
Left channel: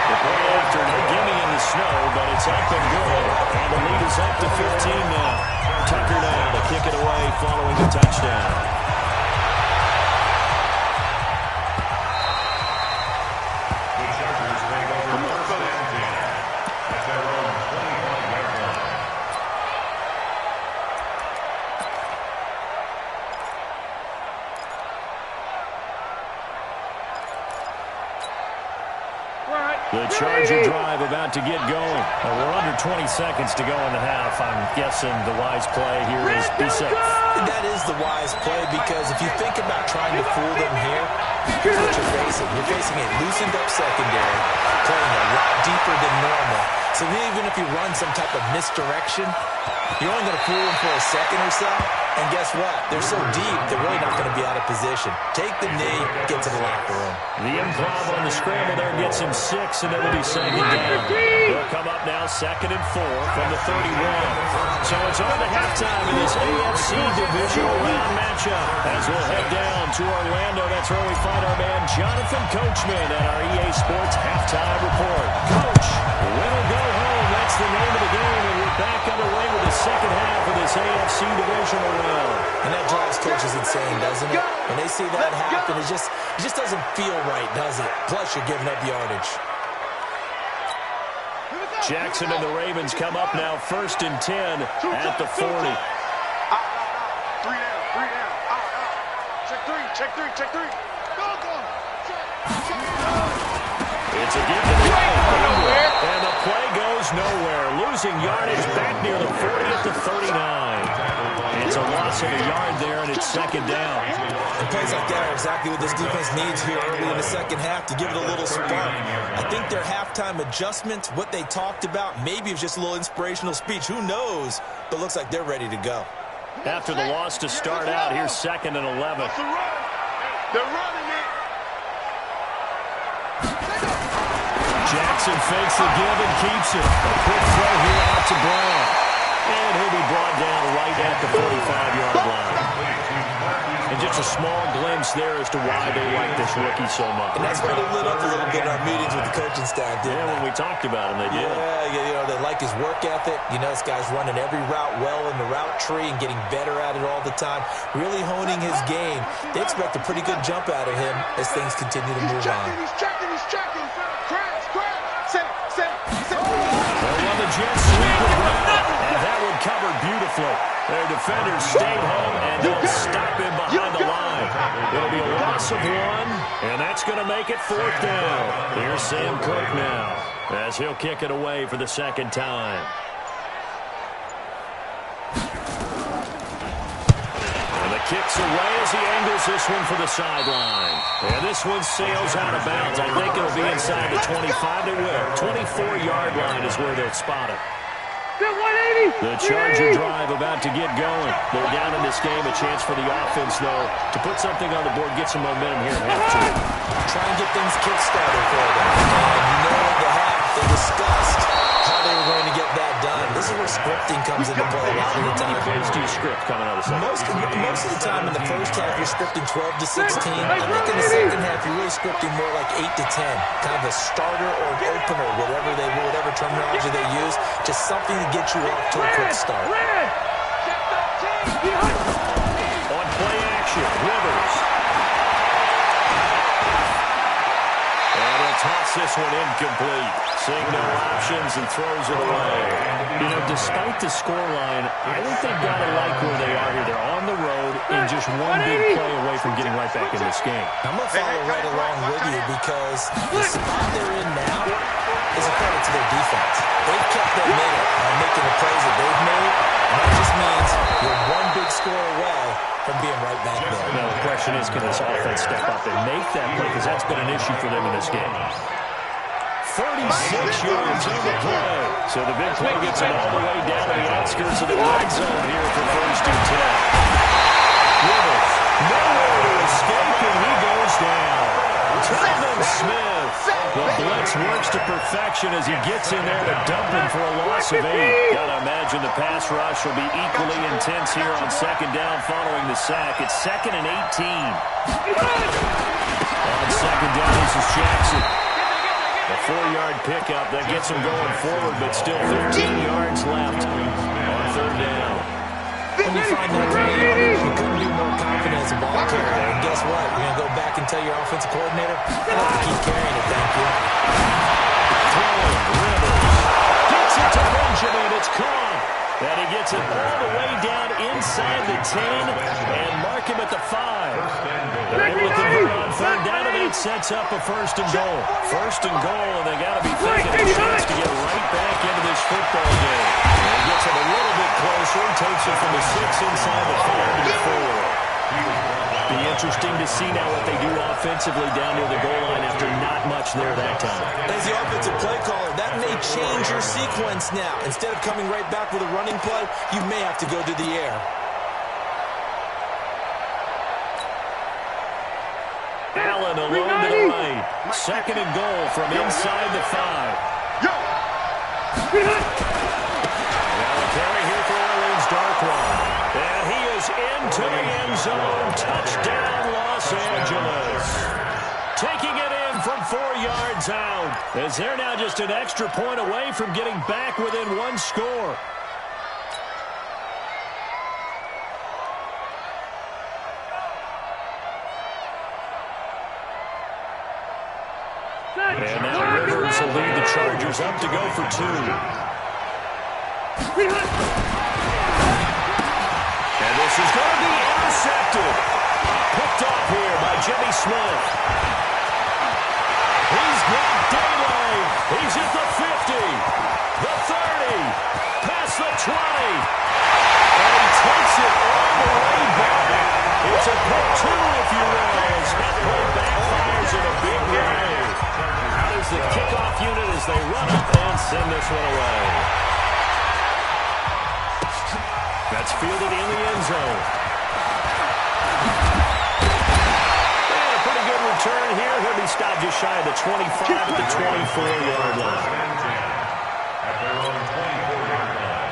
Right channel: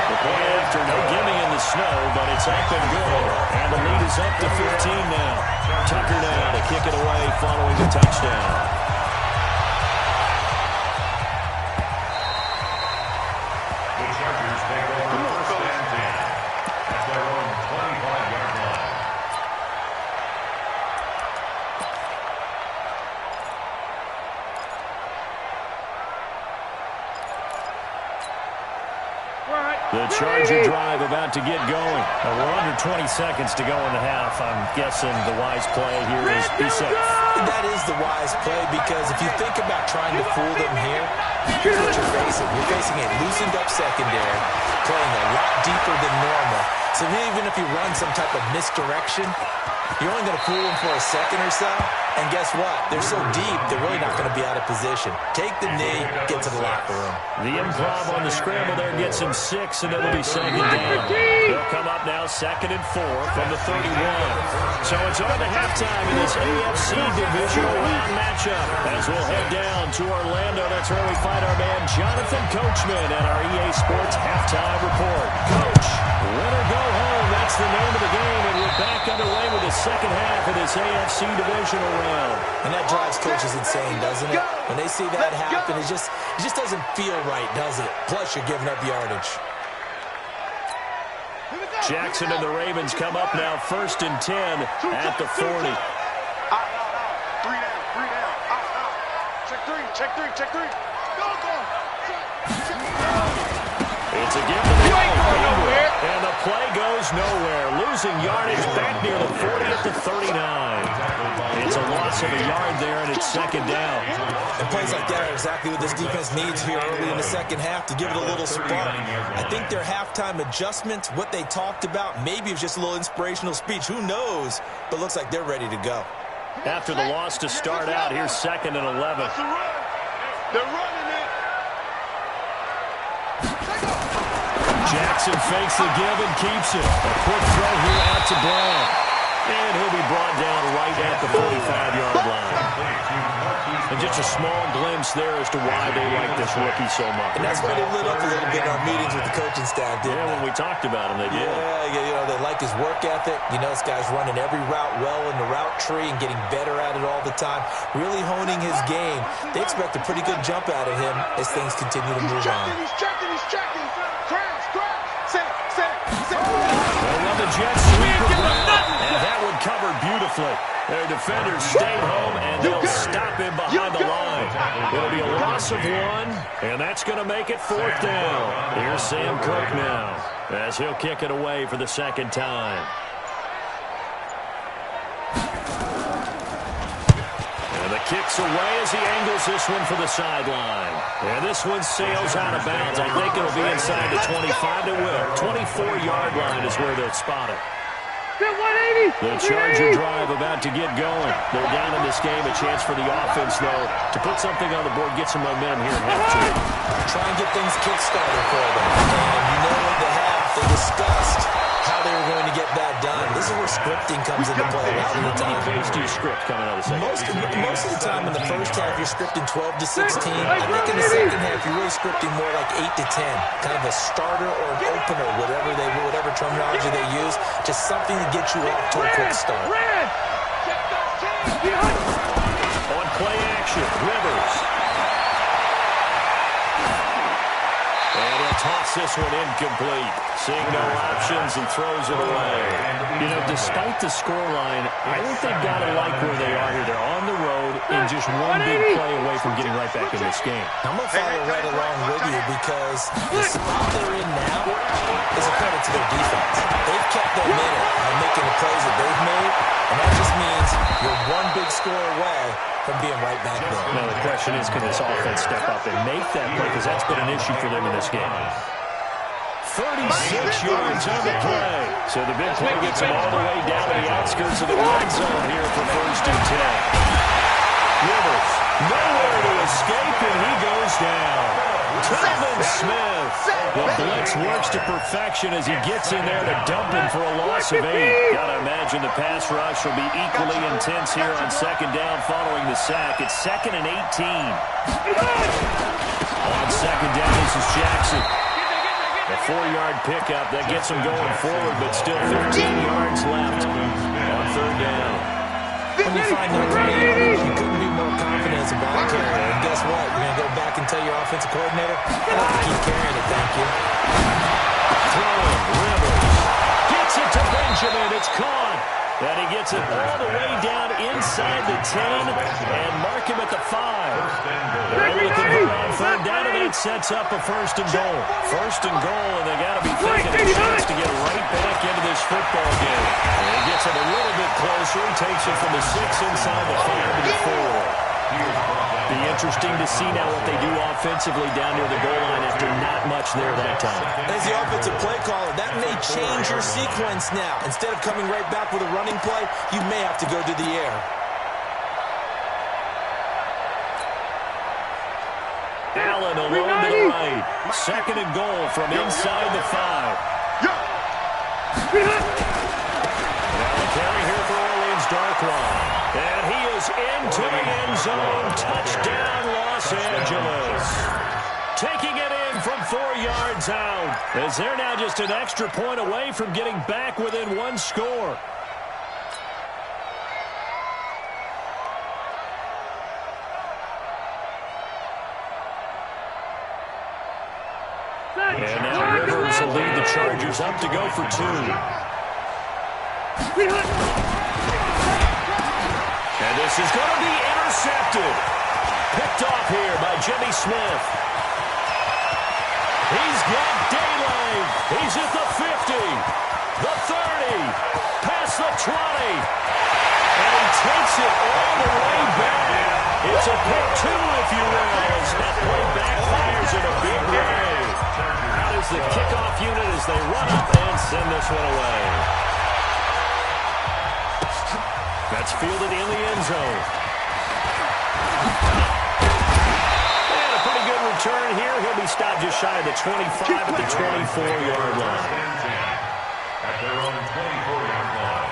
The play after, no gimme in the snow, but it's up and good. And the lead is up to 15 now. Tucker now to kick it away following the touchdown. The Chargers take over 1st and 10 at their own 25-yard line. The Charger drive about to get going. We're under 20 seconds to go in the half. I'm guessing the wise play here is be safe. That is the wise play, because if you think about trying to fool them here, here's what you're facing. You're facing a loosened up secondary, playing a lot deeper than normal. So even if you run some type of misdirection, you're only going to fool them for a second or so. And guess what? They're so deep, they're really not going to be out of position. Take the knee, get to the locker room. The improv on the scramble there gets him 6, and it'll be 2nd down. They'll come up now 2nd and 4 from the 31. So it's on to halftime in this AFC divisional round matchup. As we'll head down to Orlando, that's where we find our man Jonathan Coachman at our EA Sports Halftime Report. Coach, win or go home, that's the name of the game, and we're back underway with the second half of this AFC divisional round. And that drives coaches insane, doesn't it? When they see that happen, it just doesn't feel right, does it? Plus, you're giving up yardage. Jackson and the Ravens come up now 1st and 10 at the 40. 3 down. Check 3. Go. Check. It's a gift to the right. And the play goes nowhere. Losing yardage back near the 40 at the 39. It's a loss of a yard there, and it's second down. And plays like that are exactly what this defense needs here early in the second half to give it a little spark. I think their halftime adjustment, what they talked about, maybe it's just a little inspirational speech. Who knows? But looks like they're ready to go. After the loss to start out, here's 2nd and 11. They're running it. Jackson fakes the give and keeps it. A quick throw here out to Brown. And he'll be brought down right at the 45-yard line. And just a small glimpse there as to why they like this rookie so much. And that's why they lit up a little bit in our meetings with the coaching staff, didn't they? When we talked about him, they did. Yeah, they like his work ethic. You know, this guy's running every route well in the route tree and getting better at it all the time, really honing his game. They expect a pretty good jump out of him as things continue to move on. He's checking. Crash. Say. They'll run the jet sweep around, and that one covered beautifully. Their defenders stayed home, and they'll stop him behind the line. It'll be a loss of 1, and that's going to make it 4th down. Here's Sam Cook now, as he'll kick it away for the second time. And the kick's away as he angles this one for the sideline. And this one sails out of bounds. I think it'll be inside the 25. It will. 24-yard line is where they'll spot it. The Charger drive about to get going. They're down in this game. A chance for the offense, though, to put something on the board, get some momentum here at half-2. Try and get things kick-started for them. And you know at the half, they discussed how they were going to get that done. This is where scripting comes into play a lot of the time. How many plays do you script coming out of the second? Most of the time in the first half, you're scripting 12 to 16. I think in the second half, you're really scripting more like 8 to 10. Kind of a starter or an opener, whatever terminology they use. Just something to get you off to a quick start. On play action, Rivers. And he'll toss this one incomplete. Seeing no options and throws it away. You know, despite the scoreline, I think they've got to like where they are here. They're on the road and just one big play away from getting right back in this game. I'm going to follow right along with you because the spot they're in now is a credit to their defense. They've kept them in it by making the plays that they've made, and that just means you're one big score away from being right back there. Now the question is, can this offense step up and make that play? Because that's been an issue for them in this game. 36 yards on the play. So the big play gets them all the way down to the outskirts of the red zone here for 1st and 10. Rivers, nowhere to escape, and he goes down. Telvin Smith. The blitz works to perfection as he gets in there to dump him for a loss of 8. Got to imagine the pass rush will be equally intense here on 2nd down following the sack. It's 2nd and 18. On 2nd down, this is Jackson. A 4-yard pickup that gets him going forward, but still 15 yards left on 3rd down. When you find that kind of yardage, you couldn't be more confident as a ball carrier. And guess what? You're going to go back and tell your offensive coordinator, I have to keep carrying it, thank you. Throwing, Rivers. Gets it to Benjamin. It's caught. And he gets it all the way down inside the 10 and mark him at the 5. They're able to convert on 3rd down, and that sets up a 1st and goal. 1st and goal, and they got to be thinking a chance to get right back into this football game. And he gets it a little bit closer, takes it from the 6 inside the 5 to the 4. Be interesting to see now what they do offensively down near the goal line after not much there that time. As the offensive play caller, that may change your sequence now. Instead of coming right back with a running play, you may have to go to the air. Allen alone to the right. 2nd and goal from inside the 5. Now a carry here for Orleans Darkwan. And he is into the end zone. Touchdown, Los Angeles. Taking it in from 4 yards out, as they're now just an extra point away from getting back within 1 score. And now Rivers will lead the Chargers up to go for 2. And this is going to be intercepted. Picked off here by Jimmy Smith. He's got daylight. He's at the 50, the 30, past the 20. And he takes it all the way back. It's a pick two, if you will, as that play backfires in a big way. Out is the kickoff unit as they run up and send this one away. That's fielded in the end zone. And a pretty good return here. He'll be stopped just shy of the 25 at the 24-yard line. At their own 24-yard line.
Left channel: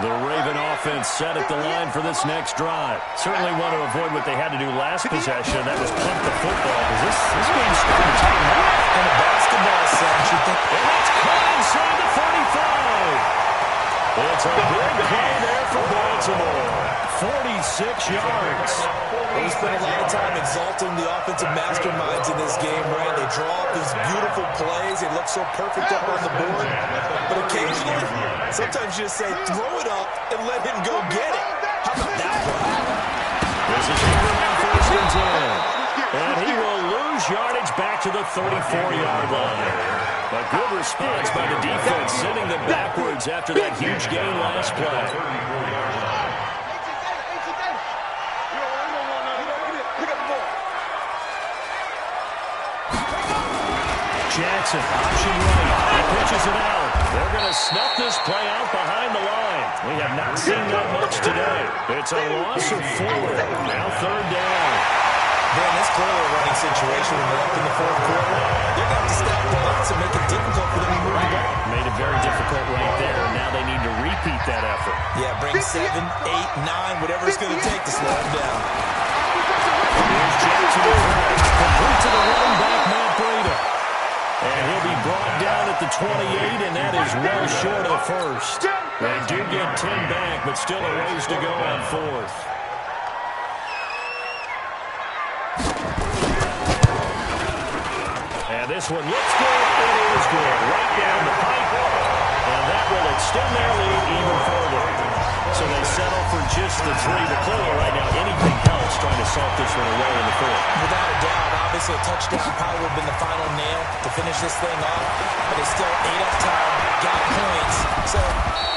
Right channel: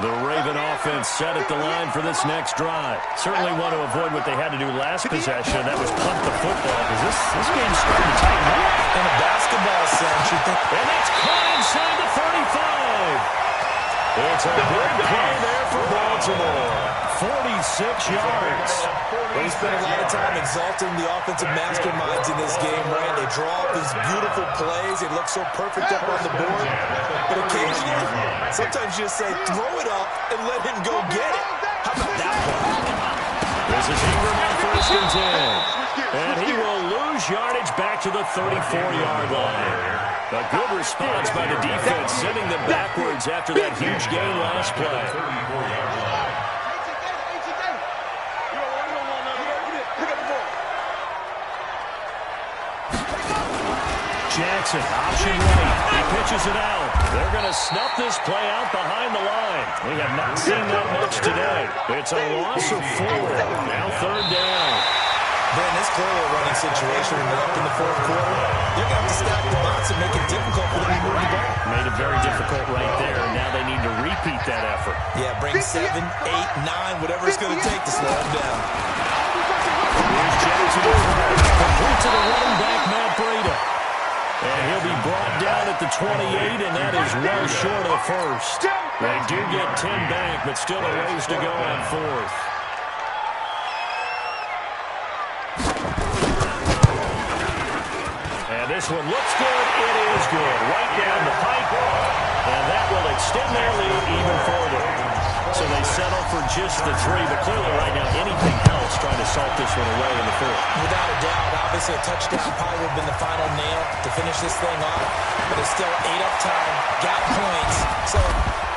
The Raven offense set at the line for this next drive. Certainly want to avoid what they had to do last possession. That was punt the football, because this game's starting to tighten up. In a basketball sense, you think. And that's caught inside the 35. It's a big play there for Baltimore. 46 yards. We spent a lot of time exalting the offensive masterminds in this game, right? They draw up these beautiful plays. They look so perfect up on the board. But occasionally, sometimes you just say, throw it up and let him go get it. How about that play? This is Ingram on 1st and 10. And he will lose yardage back to the 34-yard line. A good response by the defense, sending them backwards after that huge gain last play. Jackson, option right. He pitches it out. They're going to snuff this play out behind the line. We have not seen that much today. It's a loss of 4. Now 3rd down. Ben, this clearly a running situation when they're up in the 4th quarter. They're going to have to stack the box and make it difficult for them to move the ball. Made it very difficult right there. Now they need to repeat that effort. Yeah, bring 7, 8, 9, whatever it's going to take to slow them down. Here's Jackson to throw. Complete to the running back, Matt Breida. And he'll be brought down at the 28, and that is well short of the first. They do get 10 back, but still a ways to go on 4th. And this one looks good. It is good. Right down the pipe. And that will extend their lead even further. So they settle for just the 3, but clearly right now anything helps trying to salt this one away in the 4th. Without a doubt, obviously a touchdown probably would have been the final nail to finish this thing off, but it's still ate up time, got points, so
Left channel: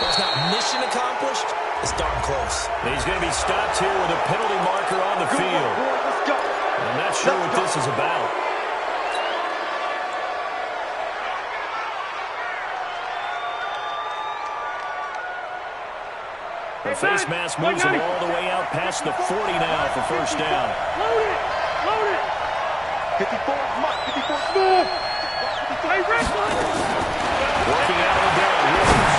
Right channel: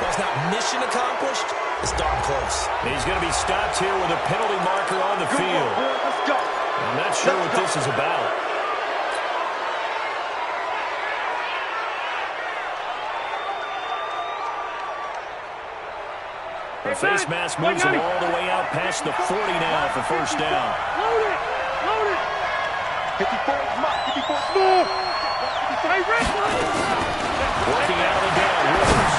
while it's not mission accomplished, it's darn close. He's going to be stopped here with a penalty marker on the field. I'm not sure what this is about. The face mask moves him all the way out past the 40 now for 1st down. Load it! Load it! 54 Mike, 54 smooth! Working out of the gun, Rivers.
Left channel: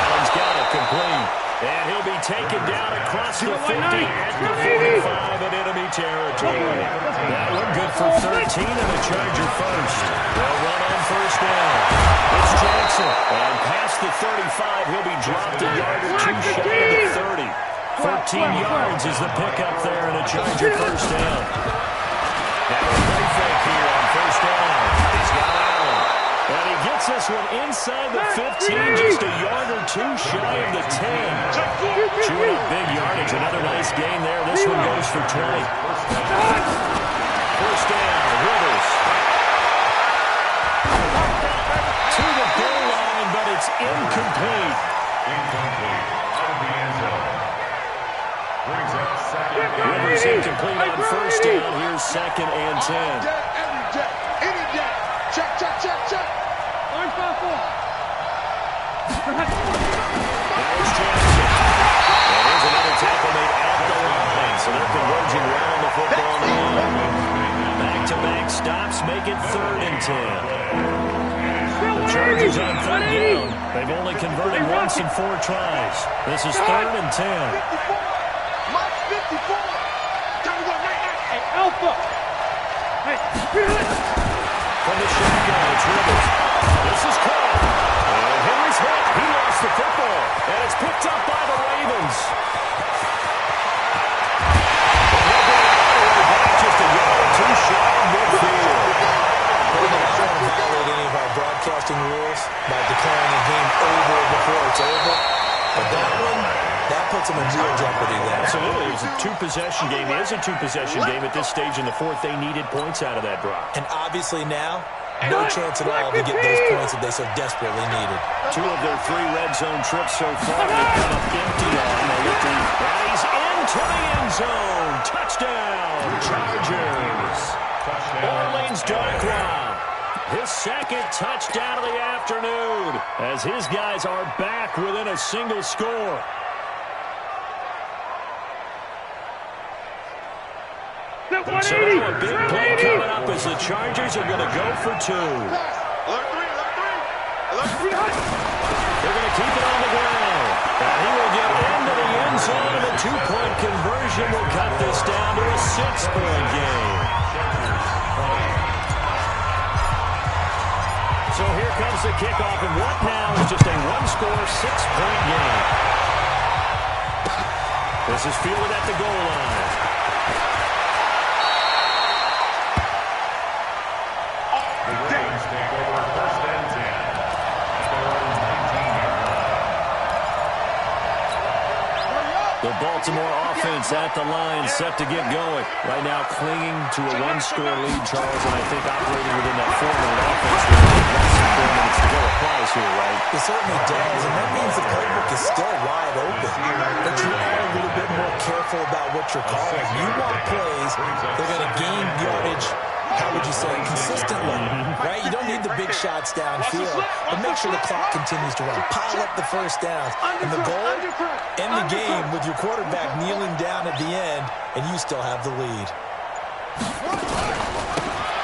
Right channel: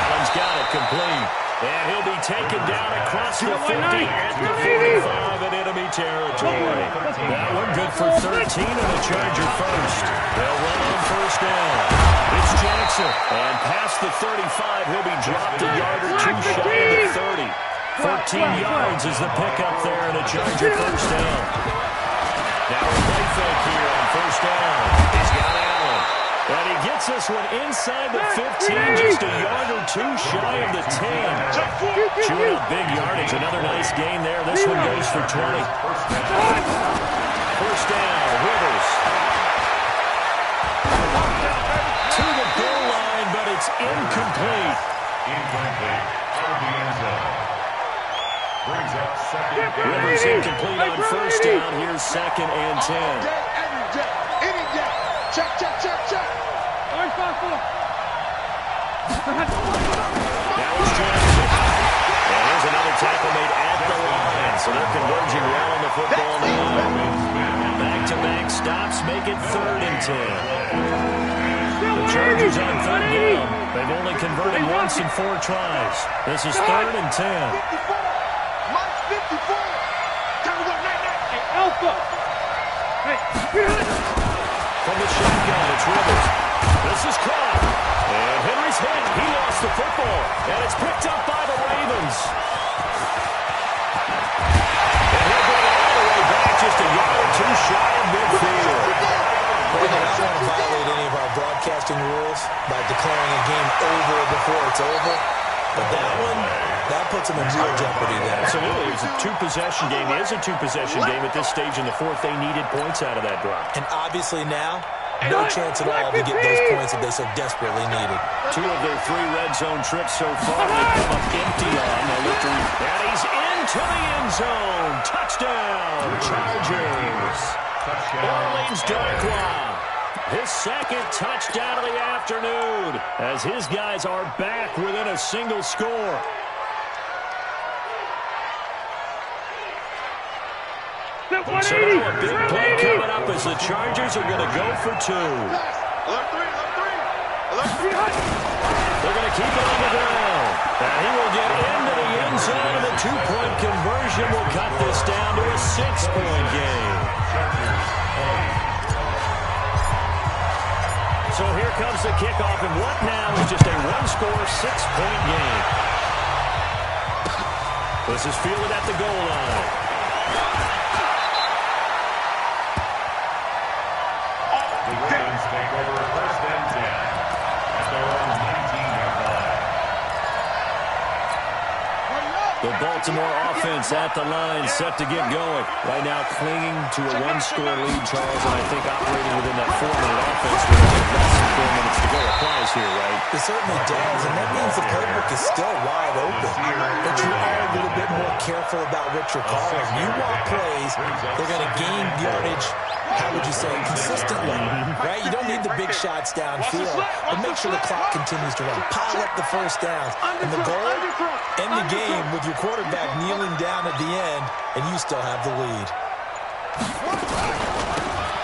Allen's got it complete. And he'll be taken down across the 50 at the 45 in enemy territory. That one good for 13 and a Charger first. They'll run on 1st down. It's Jackson. And past the 35, he'll be dropped a yard or 2 shy of the 30. 13 yards is the pickup there and a Charger 1st down. Now a play fake here on 1st down. He's got Allen. And he gets this one inside the 15, just a yard or 2 shy of the 10. Chewing up big yardage, another nice gain there. This one goes for 20. 1st down, Rivers. To the goal line, but it's incomplete. Incomplete. Out of the end zone. Brings up 2nd down. Rivers incomplete on 1st down. Here's 2nd and 10. All day, every day, any day. Check, check, check, check. Line 5-4. That was Jackson. And here's another tackle made at the line. So they're converging well on the football now. Back-to-back stops make it 3rd and 10. The Chargers on 3rd down. They've only converted once in 4 tries. This is 3rd and 10. 54. Mike 54. Time to go, night. Hey, Alpha. Hey, From the shotgun, it's Rivers. This is caught. And Henry's hit. He lost the football. And it's picked up by the Ravens. And he'll bring it all the way back just a yard or 2 shy of midfield. Well, I don't want to violate any of our broadcasting rules by declaring a game over before it's over. But that one, That puts them in real jeopardy there. Absolutely. It was a two-possession game. It is a two-possession game at this stage in the fourth. They needed points out of that drop. And obviously now, no chance at all to get those points that they so desperately needed. 2 of their 3 red zone trips so far. They come up empty on. And he's into the end zone. Touchdown, Chargers. Orleans Darkwa. His second touchdown of the afternoon as his guys are back within a single score. So now a big play coming up as the Chargers are going to go for 2. Alert 3, alert 3. They're going to keep it on the ground. And he will get into the end zone, and the 2-point conversion will cut this down to a 6-point game. So here comes the kickoff, and what now is just a one-score, 6-point game. This is fielded at the goal line. The Ravens take over 1st and 10 at their own 19-yard line. The Baltimore offense at the line, set to get going. Right now clinging to a 1-score lead, Charles, and I think operating within that 4-minute offense with less than 4 minutes to go applies here, right? It certainly does, and that means the playbook is still wide open. But you are a little bit more careful about what you're calling. You want plays, they're going to gain yardage, how would you say, consistently, right? You don't need the big shots downfield, but make sure the clock continues to run. Pile up the first downs. And the goal, end the game with your quarterback kneeling down at the end, and you still have the lead.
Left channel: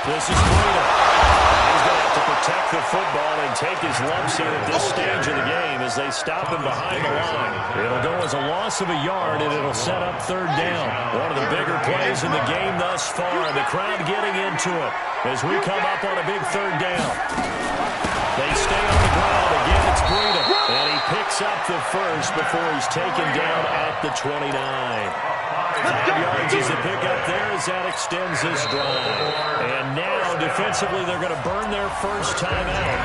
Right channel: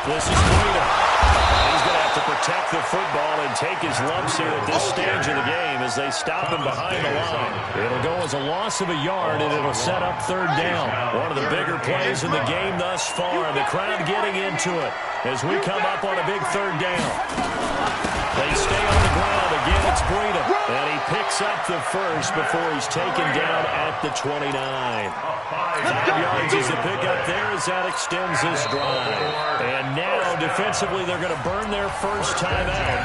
This is Breida. He's going to have to protect the football and take his lumps here at this stage of the game as they stop him behind the line. It'll go as a loss of a yard, and it'll set up 3rd down. One of the bigger plays in the game thus far. The crowd getting into it as we come up on a big 3rd down. They stay on the ground. Again, it's Breida. And he picks up the first before he's taken down at the 29. 5 yards is the pickup there as that extends this drive. And now, defensively, they're going to burn their first time out.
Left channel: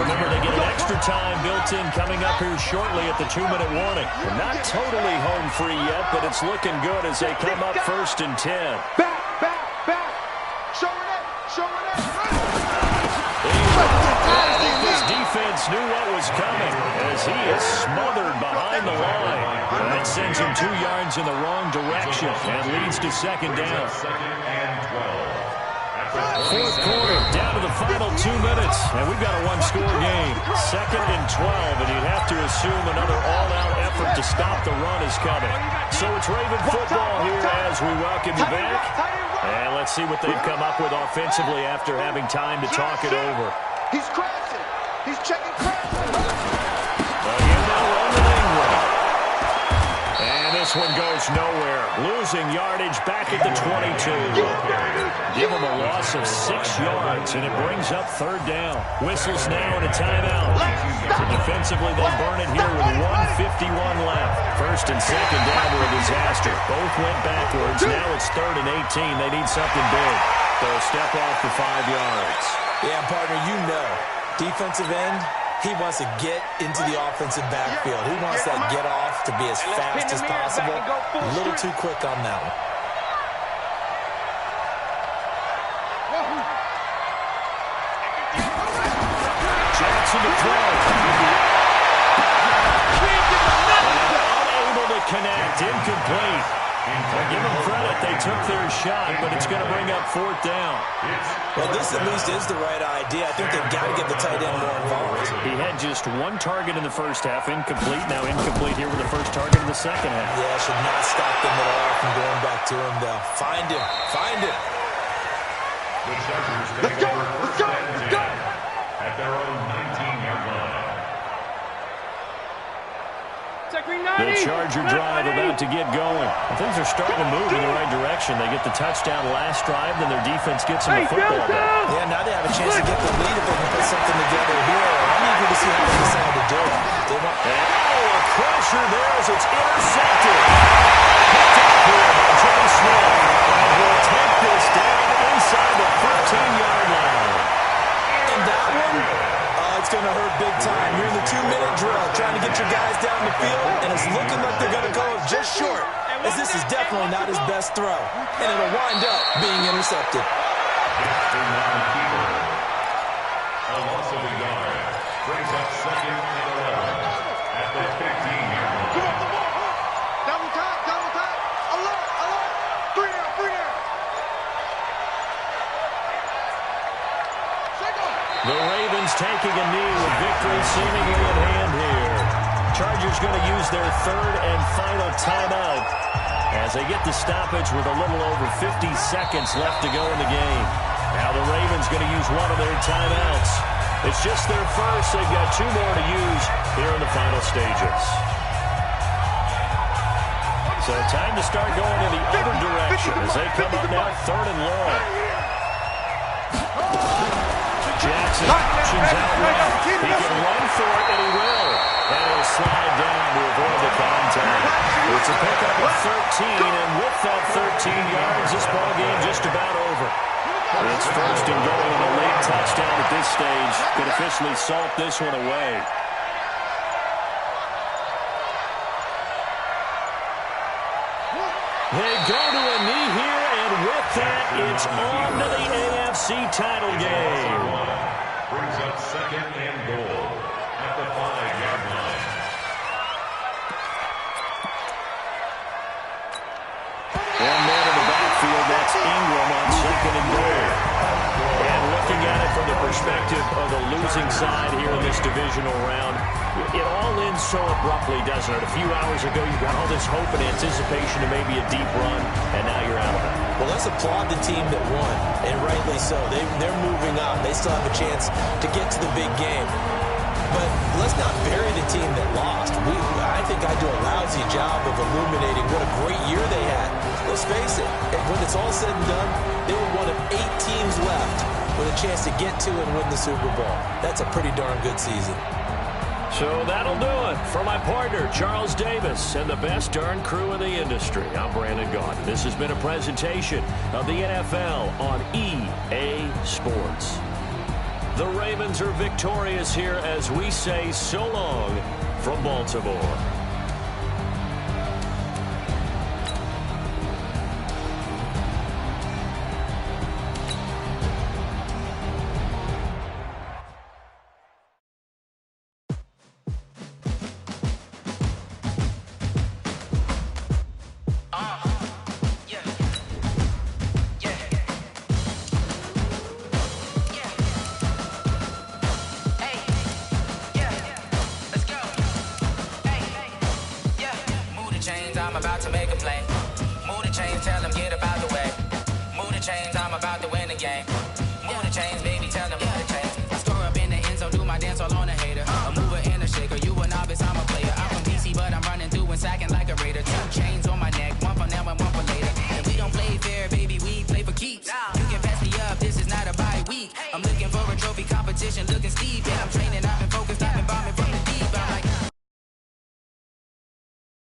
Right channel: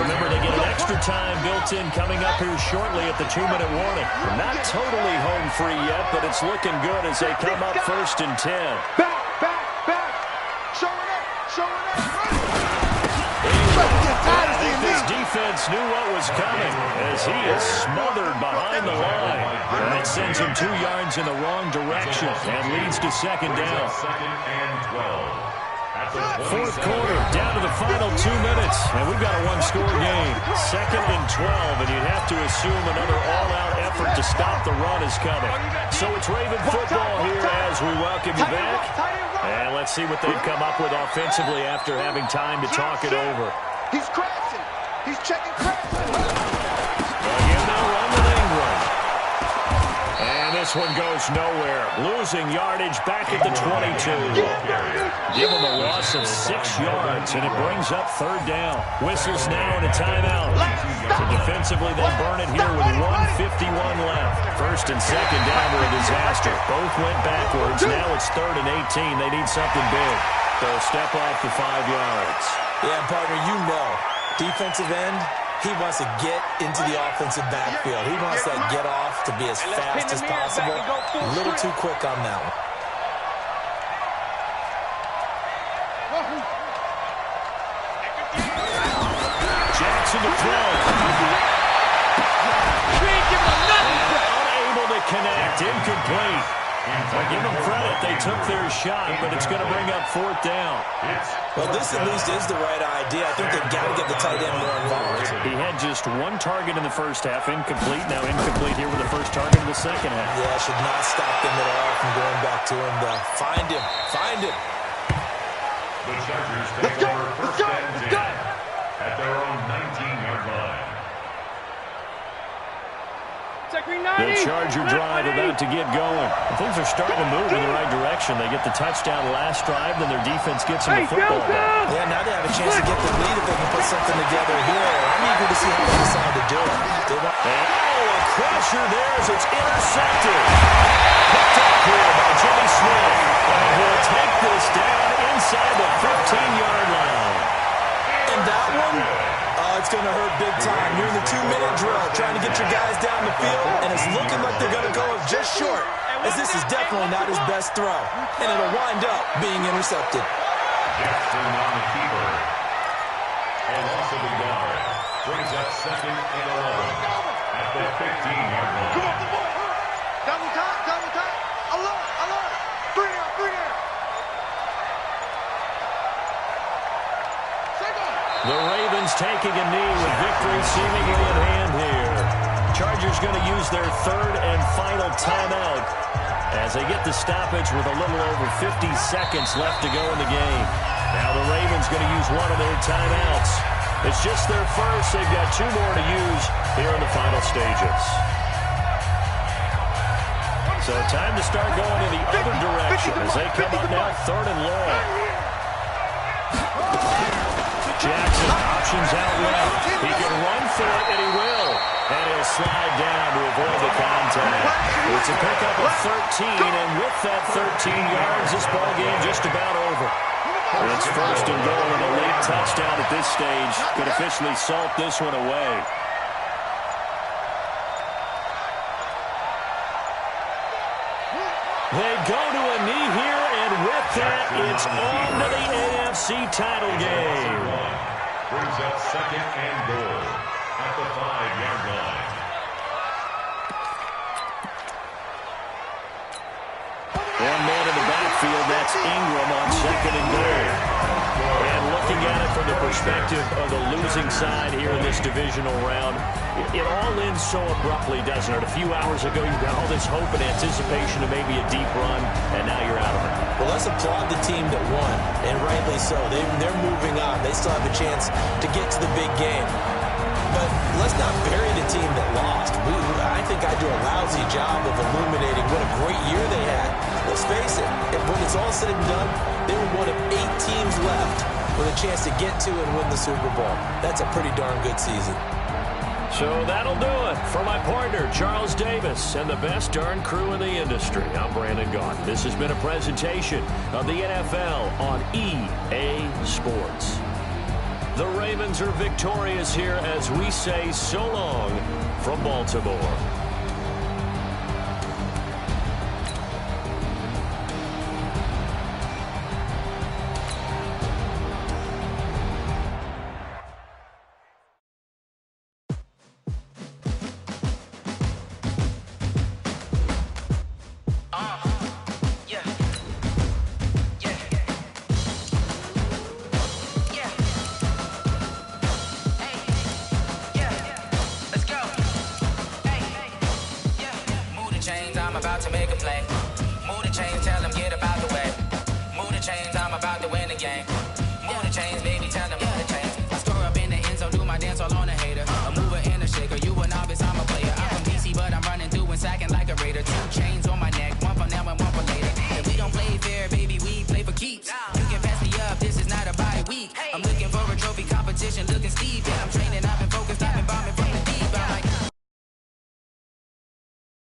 Remember, they get an extra time built in coming up here shortly at the 2-minute warning. We're not totally home free yet, but it's looking good as they come up 1st and 10. Back. Showing up. I think this defense knew what was coming as he is smothered behind the line. And it sends him 2 yards in the wrong direction and leads to 2nd down. 2nd and 12. 4th quarter, down to the final 2 minutes, and we've got a 1-score game. 2nd and 12, and you'd have to assume another all-out effort to stop the run is coming. So it's Raven football here as we welcome you back. And let's see what they've come up with offensively after having time to talk it over. He's crashing. He's checking crashing. Again, they'll run with Ingram. And this one goes nowhere. Losing yardage back at the 22. Give them a loss of 6 yards, and it brings up 3rd down. Whistles now and a timeout. So defensively, they burn it here with 1:51 left. 1st and 2nd down were a disaster. Both went backwards. Now it's 3rd and 18. They need something big. So step off the 5 yards. Yeah, partner, you know, defensive end, he wants to get into the offensive backfield. He wants that get off to be as fast as possible. A little too quick on that one. Jackson to throw. Unable to connect. Incomplete. Give them credit. They took their shot, but it's going to bring up 4th down. Well, this at least is the right idea. I think they've got to get the tight end more involved. He had just 1 target in the first half. Incomplete. Now incomplete here with the first target in the second half. Yeah, should not stop them at all from going back to him, though. Find him. Find him. The Chargers take over 1st and 10 at their own 19-yard line. The Charger drive about to get going. Things are starting to move in the right direction. They get the touchdown last drive, then their defense gets them the football back. Yeah, now they have a chance to get the lead if they can put something together here. I'm eager to see how they decide to do it. A crusher there as it's intercepted. Picked up here by Jimmy Smith. And he'll take this down inside the 15-yard line. And that one, it's going to hurt big time. You're in the 2-minute drill trying to get your guys down the field, and it's looking like This is definitely not his best throw, and it'll wind up being intercepted. Just the keeper. A loss of a yard. Brings up 2nd and 11 at the 15-yard line. Come on, the ball. Double time, double time. Alert, alert. 3 down, 3 down. The Ravens taking a knee with victory seemingly at hand here. Chargers going to use their 3rd and final timeout as they get the stoppage with a little over 50 seconds left to go in the game. Now the Ravens going to use one of their timeouts. It's just their first. They've got 2 more to use here in the final stages. So time to start going in the other direction as they come up now 3rd and long. Jackson options out left. He can run for it, and he will. And he'll slide down to avoid the contact. It's a pickup of 13, and with that 13 yards, this ball game just about over. It's 1st and goal, and a late touchdown at this stage could officially salt this one away. They go to a knee here, and with that, it's on to the AFC title game. Brings up 2nd and goal at the 5-yard line. One man in the backfield, that's Ingram on 2nd and goal. And looking at it from the perspective of the losing side here in this divisional round, it all ends so abruptly, doesn't it? A few hours ago, you got all this hope and anticipation of maybe a deep run, and now you're out of it. Well, let's applaud the team that won, and rightly so. They're moving on. They still have a chance to get to the big game. But let's not bury the team that lost. I think I do a lousy job of illuminating what a great year they had. Let's face it, when it's all said and done, they were one of 8 teams left with a chance to get to and win the Super Bowl. That's a pretty darn good season. So that'll do it for my partner, Charles Davis, and the best darn crew in the industry. I'm Brandon Gaudin. This has been a presentation of the NFL on EA Sports. The Ravens are victorious here as we say so long from Baltimore. I'm looking for a trophy competition, looking Steve, yeah, I'm training, I've been focused